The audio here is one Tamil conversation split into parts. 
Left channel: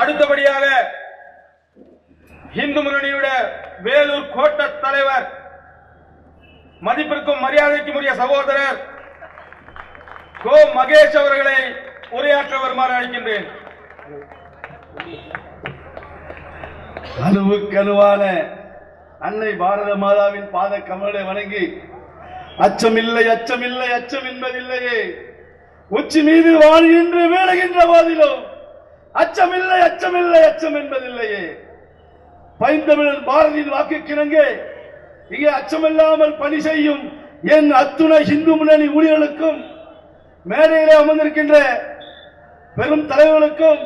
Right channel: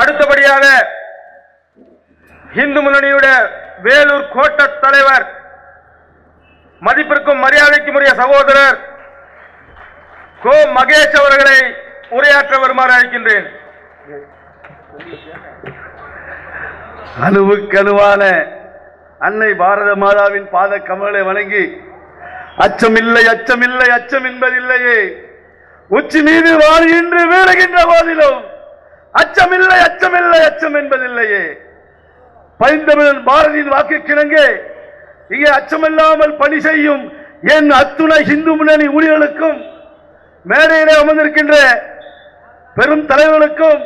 அடுத்தபடியாக இந்து முன்னணியுடைய வேலூர் கோட்ட தலைவர் மதிப்பிற்கும் மரியாதைக்கும் உரிய சகோதரர் கோ மகேஷ் அவர்களை உரையாற்ற வருமாறு அழைக்கின்றேன். அணுவுக்கணுவான அன்னை பாரத மாதாவின் பாத கமலை வணங்கி அச்சமில்லை அச்சமில்லை அச்சம் என்பதில்லையே உச்சி மீது வாழ்கின்ற வேறுகின்ற போதிலும் அச்சமில்லை அச்சமில்லை அச்சம் என்பதில்லையே பைந்தமிழன் பாரதியின் வாக்கு கிணங்க இங்கே அச்சமில்லாமல் பணி செய்யும் என் அத்துணை இந்து முன்னணி ஊழியர்களுக்கும் மேடையிலே அமர்ந்திருக்கின்ற பெரும் தலைவர்களுக்கும்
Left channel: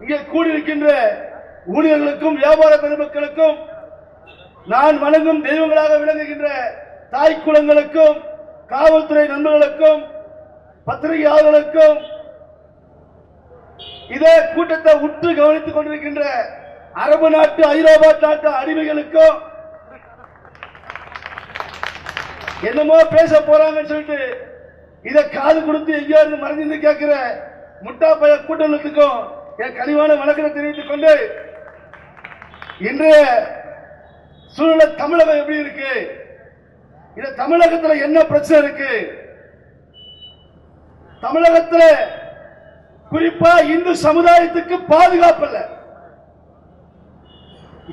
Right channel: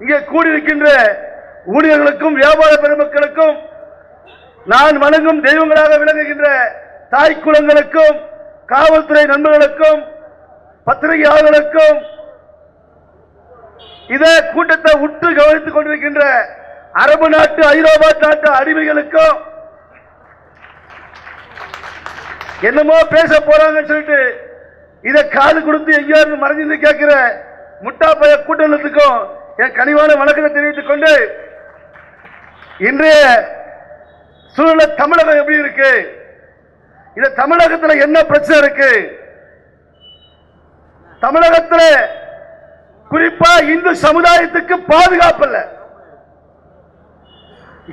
இங்கே கூடியிருக்கின்ற ஊழியர்களுக்கும் வியாபார பெருமக்களுக்கும் நான் வணங்கும் தெய்வங்களாக விளங்குகின்ற தாய் குலங்களுக்கும் காவல்துறை நண்பர்களுக்கும் பத்திரிகையாளர்களுக்கும் இதே கூட்டத்தை உற்று கவனித்துக் கொண்டிருக்கின்ற அரபு நாட்டு ஐரோப்பா நாட்டு அடிமைகளுக்கும் என்னமோ பேச போறாங்கன்னு சொல்லிட்டு இதை காது கொடுத்து எங்கேயாவது மறைஞ்சு கேட்கிற முட்டா பய கூட்டத்துக்கும் என் கனிவான வணக்கத்தை தெரிவித்துக் கொண்டு இன்றைய சூழ்நிலை தமிழகம் எப்படி இருக்கு, இந்த தமிழகத்தில் என்ன பிரச்சனை இருக்கு, தமிழகத்தில் குறிப்பா இந்து சமுதாயத்துக்கு பாதுகாப்பு இல்ல,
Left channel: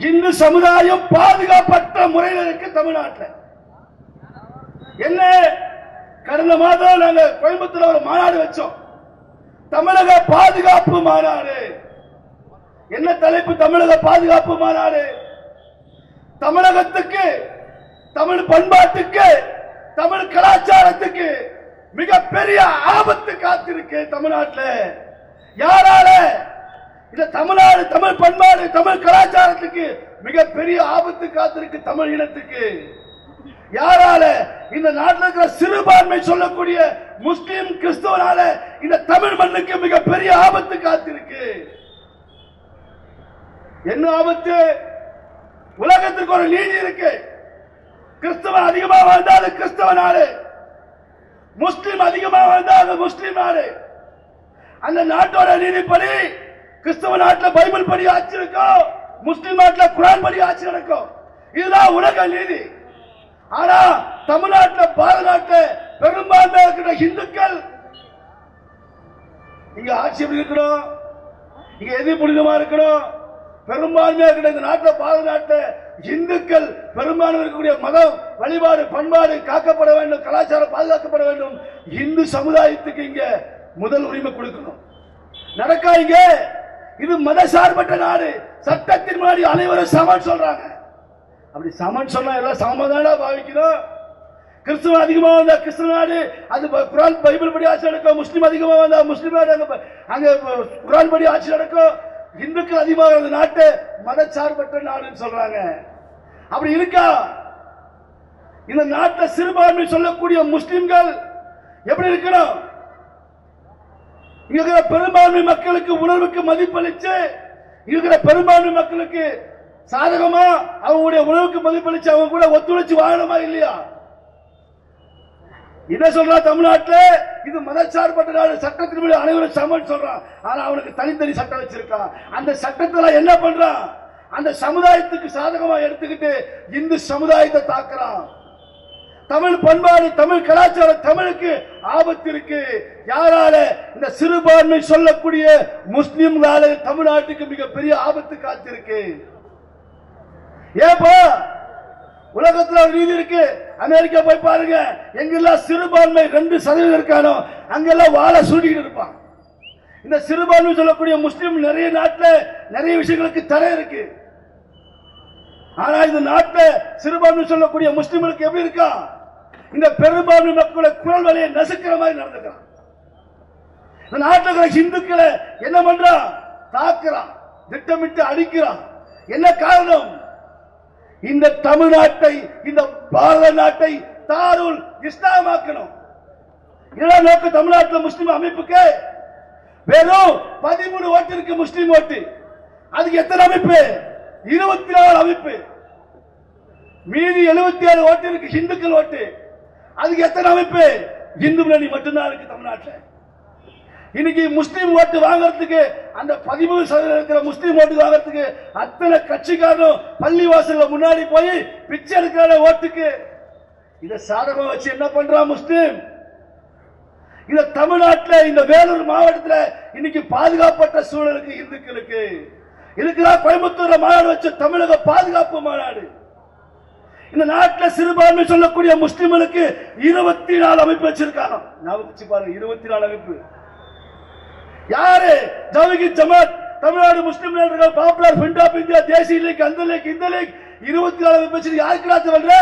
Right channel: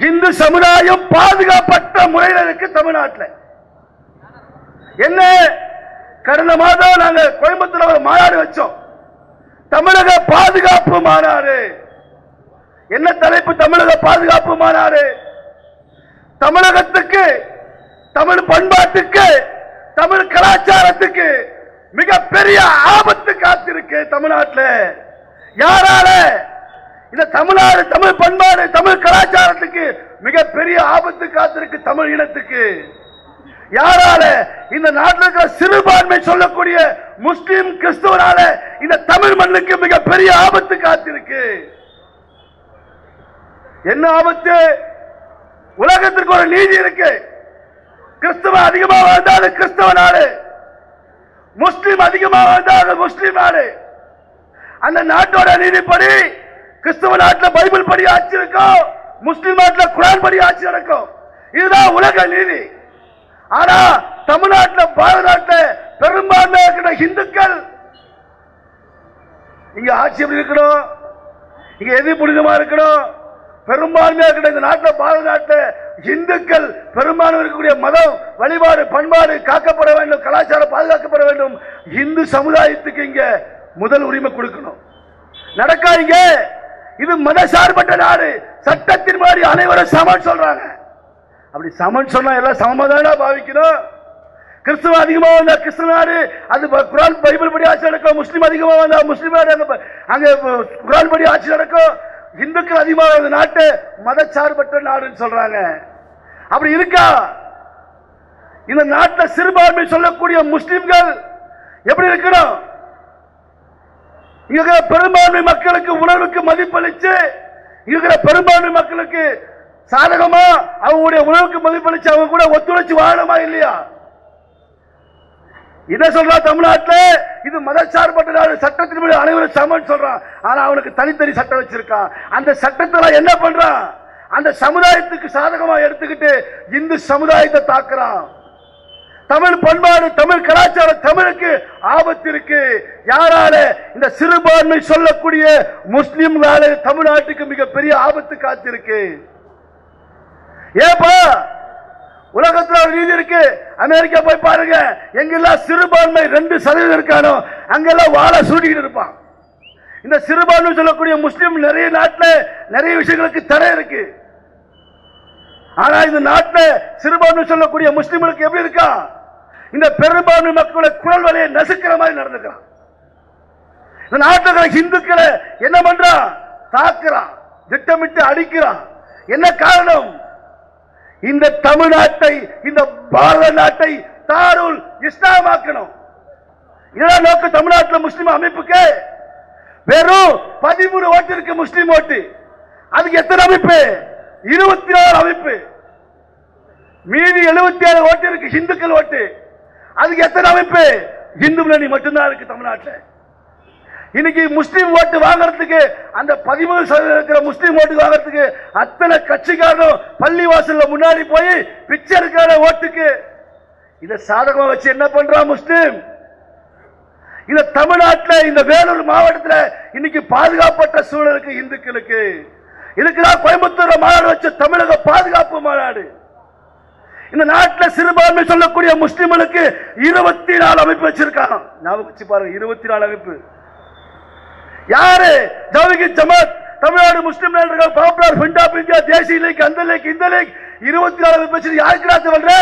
இந்து சமுதாயம் பாதுகாப்பற்ற முறையில் இருக்கு தமிழ்நாட்டில். என்ன கடந்த மாதம் நாங்க கோயம்புத்தூர் ஒரு மாநாடு வச்சோம், தமிழக பாதுகாப்பு மாநாடு. என்ன தலைப்பு? தமிழக பாதுகாப்பு மாநாடு. தமிழகத்துக்கு, தமிழ் பண்பாட்டுக்கு, தமிழ் கலாச்சாரத்துக்கு மிகப்பெரிய ஆபத்து காத்திருக்கு தமிழ்நாட்டில். யாரால? இந்த தமிழ்நாடு, தமிழ் பண்பாடு, தமிழ் கலாச்சாரத்துக்கு மிகப்பெரிய ஆபத்து காத்திருக்கு தமிழ் இனத்துக்கு. யாரால? இந்த நாட்டில் இருக்கிற சிறுபான்மை சொல்லக்கூடிய முஸ்லிம் கிறிஸ்தவரால இந்த தமிழ் மண்ணுக்கு மிகப்பெரிய ஆபத்து காத்திருக்கு. என்ன ஆபத்து? உலகத்திற்கு ஒரு நீதி இருக்கு. கிறிஸ்தவ அதிகமாக வாழ்ந்தாலும் கிறிஸ்தவ நாடு, முஸ்லிம் அதிகமாக வாழ்ந்தாலும் முஸ்லிம் நாடு. அந்த நாட்டோட நீதிப்படி கிறிஸ்தவ நாட்டில் பைபிள் படி ஆட்சி இருக்கும், முஸ்லிம் நாட்டில் குரான் படி ஆட்சி நடக்கும். இதுதான் உலக நீதி. ஆனா தமிழ்நாட்டில், பாரத நாட்டில் பெரும்பான்மை இருக்கிற இந்துக்கள் இங்க ஆட்சி எப்படி இருக்கணும், இங்க எது புனிதமா இருக்கணும்? பெரும்பான்மையா இருக்கிற இந்த நாட்டில், பாரத நாட்டில் இந்துக்கள் பெரும்பான்மை இருக்கக்கூடிய மதம், வழிபாடு, பண்பாடு காக்கப்பட வேண்டும், கலாச்சாரம் பாதுகாக்கப்பட வேண்டும். இந்து சமுதாயத்துக்கு இங்க முதல் உரிமை கொடுக்கணும். நடக்காதீங்க. இது மதசார்பற்ற நாடு, சட்டத்தின் மாதிரி அனைவரும் சமன் சொல்றாங்க. அப்படி சமன் சொன்னா எல்லாம் சமதானா பாவிக்கணும். கிறிஸ்துவ அதிகமாக வந்தா கிறிஸ்துவ நாடு, அது குரான் பைபிள் படி ஆட்சி நடக்கும். முஸ்லீம் அதிகமாக வந்தா முஸ்லீம் நாடு, அங்க குரான் படி ஆட்சி நடக்கும். இந்துக்கள் அதிகமாக வந்த நாட்டு மதச்சார்பற்ற நாடுன்னு சொல்றாங்க. அப்படி இருக்கா? இந்த நாட்டில் சிறுபான்மை சொல்லக்கூடிய முஸ்லிம்கள் எப்படி இருக்கணும்? இங்க பெரும்பான்மை மக்களுக்கு உணர்வுக்கு மதிப்பளிச்சு, இருக்கிற பெரும்பான்மை மக்களுக்கு சாதகமா அவங்களுடைய உணவுக்கு மதிப்பளிச்சு அவங்க கூட ஒத்துழைச்சு வாழணுமா இல்லையா? என்ன சொல்றா தமிழ்நாட்டில்? இது மதச்சார்பற்ற நாடு, சட்டத்தின்படி அனைவரும் சமன் சொல்றான். ஆனா அவனுக்கு தனித்தனி சட்டம் வச்சிருக்கான். அந்த சட்டத்தில் என்ன பண்றான்? அந்த சமுதாயத்துக்கு சாதகமா எடுத்துக்கிட்டு இந்து சமுதாயத்தை தாக்குறான். தமிழ் பண்பாடு, தமிழ் கலாச்சாரம், தமிழுக்கு ஆபத்து இருக்கு. யாரால? இந்த சிறுபான்மை சொல்லக்கூடிய முஸ்லிம்களால தமிழ்நாட்டுக்கு மிகப்பெரிய ஆபத்து காத்திருக்கு. ஏப்பா உலகத்தில் ஒரு நீதி இருக்கு. அமெரிக்கா போய் பாருங்க, எங்கெல்லாம் சிறுபான்மை 2% இருக்கானோ அங்கெல்லாம் வாழ சூடிக்கிட்டு இருப்பான். இந்த சிறுபான்மை சொல்லக்கூடிய முஸ்லிம் நிறைய நாட்டில் நிறைய விஷயங்களுக்கு தடை இருக்கு. ஆனா இந்த நாட்டில் சிறுபான்மை சொல்லக்கூடிய முஸ்லிம்களுக்கு எப்படி இருக்கா? இந்த பெரும்பான்மை மக்களோட குரல் வலையை நசுக்கிற மாதிரி நடந்துக்கிறான். இந்த நாட்டில் இந்துக்களை என்ன பண்றான்? தாக்குறான், திட்டமிட்டு அடிக்கிறான். என்ன காரணம்? இந்த தமிழ்நாட்டை, இந்த பாரத நாட்டை தாருல் இஸ்லாமாக்கணும். இதெல்லாம் நோக்கு தமிழ்நாட்டில் முஸ்லிம் அமைப்புக்கு வெறும் 13 ஓட்டு இருக்கு முஸ்லிம் ஓட்டு. அதுக்கு எத்தனை அமைப்பு? 24 அமைப்பு. மீதி 77 ஓட்டு இருக்கு இந்துக்கள் ஓட்டு. அதுக்கு எத்தனை அமைப்பு? இந்து முன்னணி மட்டும்தான் இருக்கு தமிழ்நாட்டில். இன்னைக்கு முஸ்லீம் ஓட்டு வாங்குறதுக்கு அந்த 13% இருக்கிற முஸ்லீம் ஓட்டு வாங்குறதுக்கு அத்தனை கட்சிக்காரரும் பள்ளிவாசல்ல முன்னாடி போய் பிச்சை எடுக்கிற ஓட்டுக்கு இத சாதகமா வச்சு என்ன பண்றான் முஸ்லீம்? இந்த தமிழ்நாட்டில் இந்த வேலூர் மாவட்டத்தில் இன்னைக்கு பாதுகாப்பட்ட சூழலுக்கு இந்துக்களுக்கு இதுக்குதான் கோயம்புத்தூர் மாநாடு வச்ச தமிழக பாதுகாப்பு மாநாடு. இந்த நாட்டில் சிறுபான்மை சொல்லக்கூடிய முஸ்லிம்களுக்கு 24 அமைப்பு வச்சிருக்காங்க. ஞாபகம் வச்சு பாருங்க, 24 அமைப்பு. யாரு? ஜவஹர் ஜமாத், தமிழ்நாடு முஸ்லிம் லீடர்கள், பாப்புலர் ஃப்ரண்ட் ஆஃப் இந்தியா, தேசிய லீக், அந்த லீக், இந்த லீக், 24 அமைப்பு வச்சு யாருக்கு ராஜ் பண்ற?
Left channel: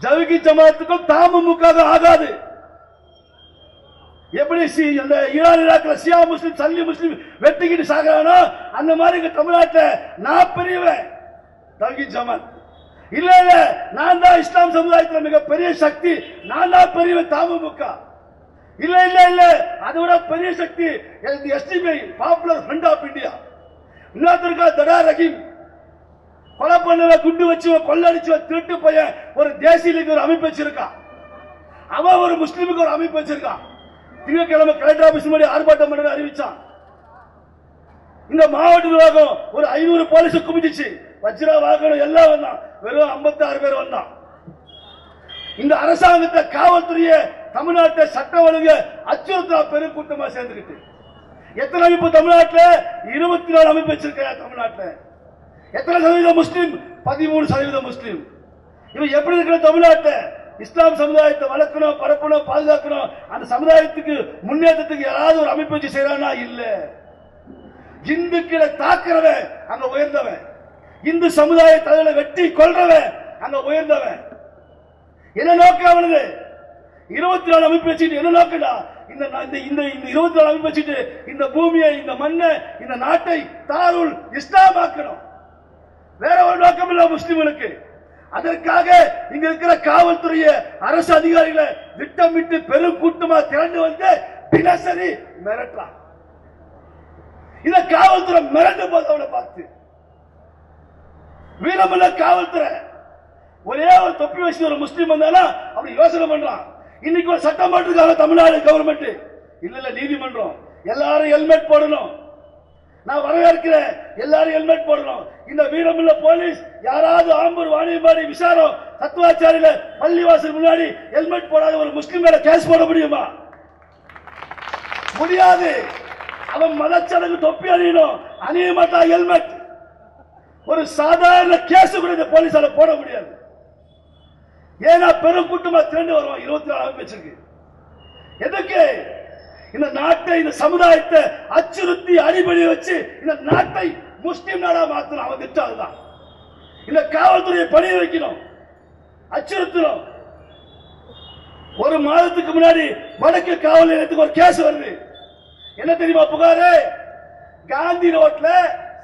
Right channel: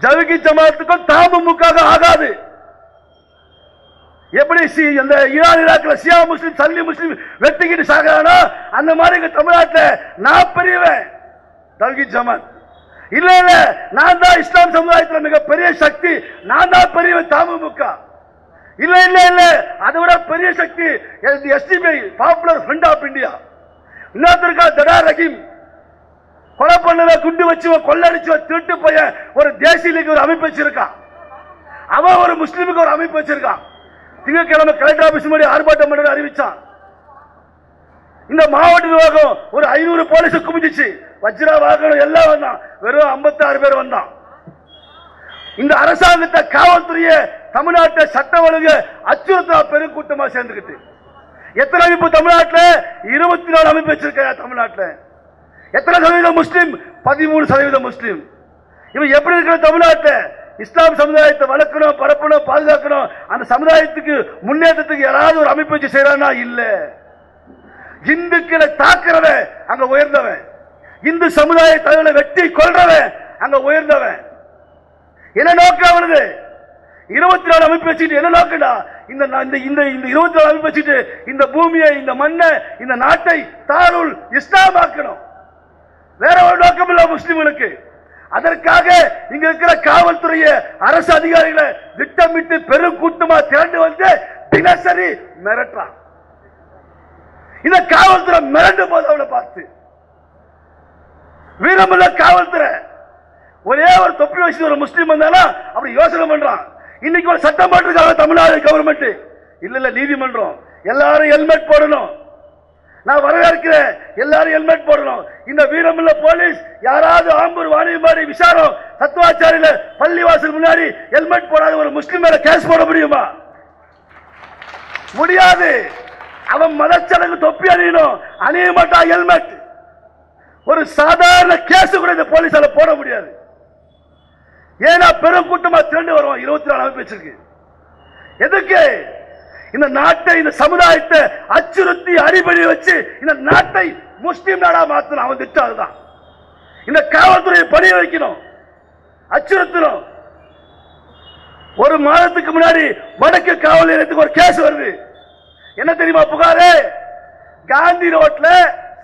ஜவஹர் ஜமாத்துக்கும் தமுமுக ஆகாது. எப்படி இந்த ஈரான் ஈராக்ல ஷியா முஸ்லிம் சல்லி முஸ்லிம் வெட்டிக்கிட்டு சாகிறானோ அந்த மாதிரி தமிழ்நாட்டில் நான் பெரியவன் தவ்ஹீத் ஜமாத் இல்ல இல்ல, நான் தான் இஸ்லாம் சமுதாயத்தில் மிகப்பெரிய சக்தி, நான் தான் பெரியவன் தமுமுக இல்ல இல்ல இல்ல, அதை விட பெரிய சக்தி SDP popular front of India. இன்னொருத்தருக்கா தடா ரஹீம், கொலை பண்ண குண்டு வச்சு கொள்ளடிச்சு திருட்டு போய ஒரு தேசிய லீக் ஒரு அமைப்பு வச்சிருக்கான். அவன் ஒரு முஸ்லீமுக்கு ஒரு அமைப்பு வச்சிருக்கான். திங்கட்கிழமை கலெக்டர் ஆபீஸ் முன்னாடி ஆர்ப்பாட்டம் பண்ண அறிவிச்சான். இந்த மாவட்ட நிர்வாகம் ஒரு 500 போலீஸ் குமிஞ்சிச்சு, வஜ்ரா வாகனம் எல்லாம் வந்தான், வெறும் 56 பேர் வந்தான். இந்த அரசாங்கத்தை காவல்துறைய தமிழ்நாட்டை சட்ட ஒழுங்கு அச்சுறுத்தா பெரும் கூட்டமா சேர்ந்துக்கிட்டு எத்தனை அமைப்பு தமிழ்நாட்டில்? 24 அமைப்பு வச்சிருக்க தமிழ்நாட்டில். எத்தனை சதவீதம் முஸ்லீம்? 13% முஸ்லீம். இவன் எப்படி இருக்கிற தமிழ்நாட்டில் இஸ்லாம் சமுதாயத்தை வளர்க்கணும், பரப்பணும், பாதுகாக்கணும், அந்த சமுதாயத்துக்கு முன்னேற்றத்துக்கு யாராவது ஒரு அமைப்பு வச்சு செய்யறானா? இல்ல. இந்துக்களை தாக்குறவன் அங்க உயர்ந்தவன், இந்து சமுதாய தலைவரை வெட்டி கொள்றவன் அங்க உயர்ந்தவன். என்ன நோக்கம் அவனது? 24 அமைப்பு வச்சுட்டு என்ன நோக்கடா? இந்த 24 அமைப்பு வச்சுட்டு இந்த பூமியை, இந்த மண்ணை, இந்த நாட்டை தாருல் இஸ்லாம் ஆக்கணும். வேற ஒரு நோக்கம் இல்ல முஸ்லிம்களுக்கு. அதற்காக இங்க இருக்கிற காவல்துறைய அரசு அதிகாரிகளை திட்டமிட்டு பெரும் கூட்டமா திரண்டு வந்து தினசரி மிரட்டான். இந்த காவல்துறை மிரண்டு போது அவளை பார்த்து வீரமல்ல காவல்துறை. ஒரே ஒரு தொப்பி வச்சு ஒரு முஸ்லீம் வந்தாலும் அப்படி யோசனை பண்றான். இன்னைக்கு ஒரு சட்டம் போட்டிருக்காங்க தமிழ்நாடு கவர்மெண்ட், இல்ல இல்ல நீதிமன்றம், எல்லாரும் ஹெல்மெட் போடணும். நான் வரவேற்கிறேன், எல்லாரும் ஹெல்மெட் போடணும். இந்த வீரமுள்ள போலீஸ் யாராவது ஆம்பூர், வாணியம்பாடி, விசாரம், தத்துவாச்சாரியில பள்ளிவாசல் முன்னாடி ஹெல்மெட் போடாத ஒரு முஸ்லிம் மேல கேஸ் போட முடியுமா? முடியாது. அவன் மதச்சடங்கு தொப்பி அணியணும், அணிய மாட்டான் ஹெல்மெட். ஒரு சாதாரண கேஸ் கூட இந்த போலீஸால போட முடியாது. ஏன்னா பெரும் கூட்டமா திரண்டு வருவான். 24 அமைப்பு வச்சிருக்கு. எதுக்கு? இந்த நாட்டை, இந்த சமுதாயத்தை அச்சுறுத்தி அடிபடி வச்சு இந்த நாட்டை முஸ்லிம் நாடா மாத்தணும். அவன் திட்டம் அதுதான். இந்த காவல்துறையை பணி வைக்கணும், அச்சுறுத்தணும். ஒரு மாதத்துக்கு முன்னாடி வடக்கு காவல் நிலையத்துக்கு ஒரு கேஸ் வருது. என்ன தெரியுமா புகாரு? காந்தி ரோட்ல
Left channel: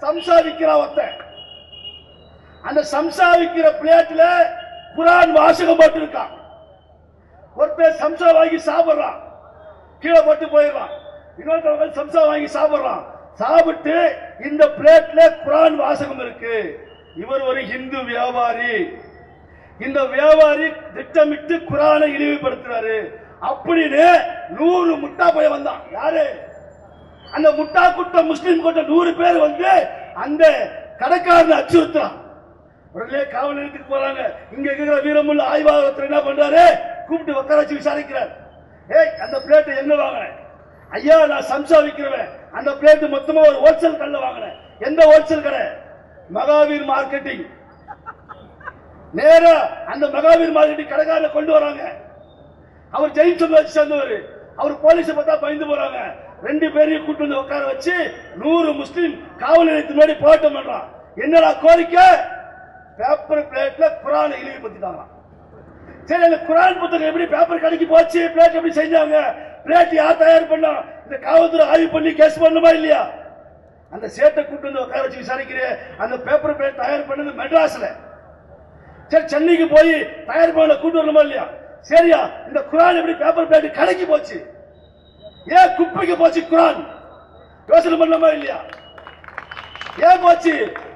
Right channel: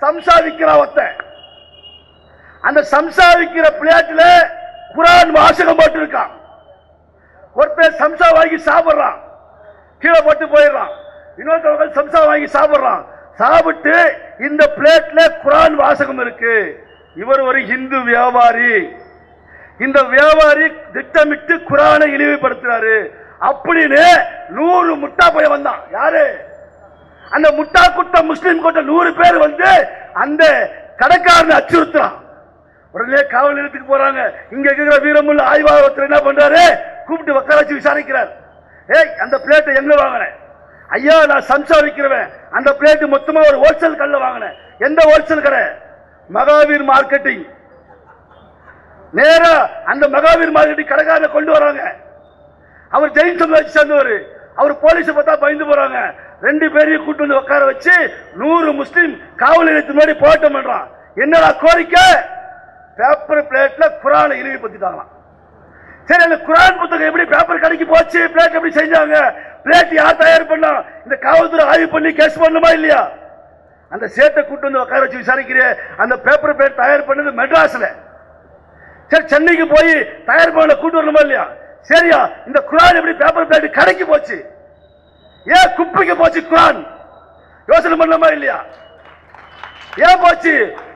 சம்சா விக்கிற ஒருத்தன், அந்த சம்சா விக்கிற பிளேட்ல குரான் வாசகம் போட்டு இருக்கான். ஒருத்தன் சம்சா வாங்கி சாப்பிடுறான், கீழே போட்டு போயிடுறான். இன்னொருத்தவங்க சம்சா வாங்கி சாப்பிடுறான். சாப்பிட்டு இந்த பிளேட்ல குரான் வாசகம் இருக்கு. இவர் ஒரு இந்து வியாபாரி. இந்த வியாபாரி திட்டமிட்டு குரானை இழிவுபடுத்துறாரு அப்படின்னு 100 முட்டா போய் வந்தான். யாரு? அந்த முட்டா கூட்டம், முஸ்லிம் கூட்டம் 100 பேர் வந்து அந்த கடைக்காரனை அச்சுறுத்துறான். உடனே காவல் நிலையத்துக்கு போறாங்க. இங்க இருக்கிற வீரமுள்ள ஆய்வாளர் என்ன பண்றாரு? கூப்பிட்டு உட்கார வச்சு விசாரிக்கிறார். ஏய், அந்த பிளேட்டை எங்க வாங்கினேன்? ஐயா, நான் சம்சா விற்கிறவன். அந்த பிளேட் மொத்தமா ஒரு ஹோல்சேல் கடையில் வாங்கினேன். எந்த ஹோல்சேல் கடை? மகாவீர் மார்க்கெட்டிங். நேரா அந்த மகாவீர் மார்க்கெட்டிங் கடைக்காரரை கொண்டு வராங்க. அவர் ஜெயின் சமுதாயத்தை சேர்ந்தவர். அவர் போலீஸ் பார்த்தா பயந்து போறாங்க. 2 பேரையும் கூட்டு வந்து உட்கார வச்சு 100 முஸ்லீம் காவல் நிலையத்து முன்னாடி போராட்டம் பண்றான். என்னடா கோரிக்கை? பேப்பர் பிளேட்ல குரானை இழிவுபடுத்திட்டாங்களாம். சரி, அந்த குரான் புத்தகம் எப்படி பேப்பர் கடைக்கு போச்சு? பிளேட் எப்படி செஞ்சாங்க? பிளேட் யார் தயார் பண்ணா? இந்த காவல்துறை ஆய்வு பண்ணி கேஸ் பண்ணுமா இல்லையா? அந்த சேட்டை கூட்டு வந்து உட்கார வச்சு விசாரிக்கிற அந்த பேப்பர் பிளேட் தயார் பண்ணது மெட்ராஸ்ல. சரி, சென்னைக்கு போய் தயார் பண்ண கூட்டு வரணுமா இல்லையா? சரியா, இந்த குரான் எப்படி பேப்பர் பிளேட் கடைக்கு போச்சு? ஏன் குப்பைக்கு போச்சு குரான்? யோசனை பண்ணலாமா இல்லையா? ஏன் போச்சு?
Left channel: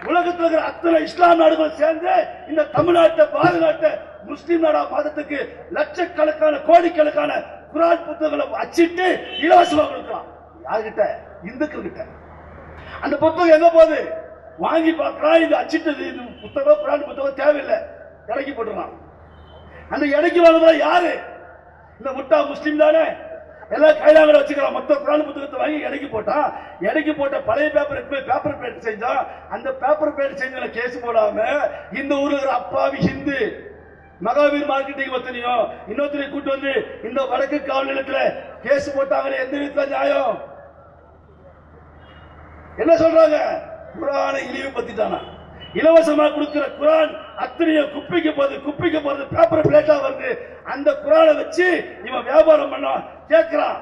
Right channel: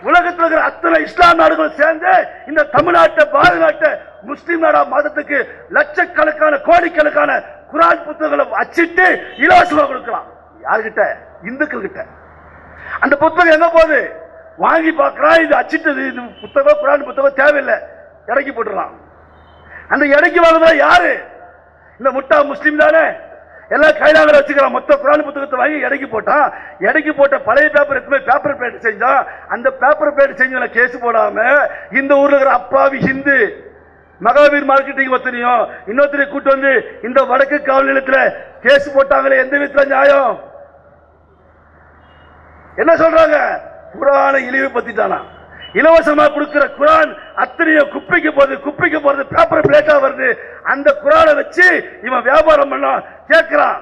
உலகத்தில் இருக்கிற அத்தனை இஸ்லாம் நாடுகள் சேர்ந்து இந்த தமிழ்நாட்டை, பாரத நாட்டை முஸ்லிம் நாடா மதத்துக்கு லட்சக்கணக்கான கோடிக்கணக்கான குர்ஆன் புத்தகங்களை அச்சிட்டு இலவசமா கொடுக்கலாம். யாருகிட்ட? இந்துக்கள் கிட்ட. அந்த புத்தகம் எங்க போகுது? வாங்கி பார்க்கிறான், இது அச்சிட்டது, இது புத்தகம் குர்ஆன் புத்தகம் தேவையில்லை, இறக்கி போட்டுறான். அந்த இறக்கி வாங்குறதா யாரு? இந்த முட்டா முஸ்லீம் தானே. எல்லாம் கைலாக வச்சுக்கிறான். மொத்த குர்ஆன் புத்தகத்தை வாங்கி இறக்கி போட்டான். இறக்கி போட்ட பழைய பேப்பர் பேப்பர் பிளேட் செஞ்சான். அந்த பேப்பர் பிளேட் செஞ்ச கேஸ் போடாம இந்த ஊர்ல இருக்கிற அப்பாவி ஹிந்து மகாவீர் மார்க்கெட்டிங் ஒத்தனையும் இன்னொருத்தரை கூட்டு வந்து இந்த வடக்கு காவல் நிலையத்தில் கேஸ் போட்டாங்களே, எந்த விதத்துல நியாயம்? என்ன சொல்றாங்க? குர்ஆனை இழிவுபடுத்திட்டானா? இலவசமா கொடுக்கிற குர்ஆன் அத்தனையும் குப்பைக்கு போறது பேப்பர் பிளேட்டா வருது. அந்த குர்ஆனை வச்சு இவன் வியாபாரம் பண்ண கேட்கிறான்.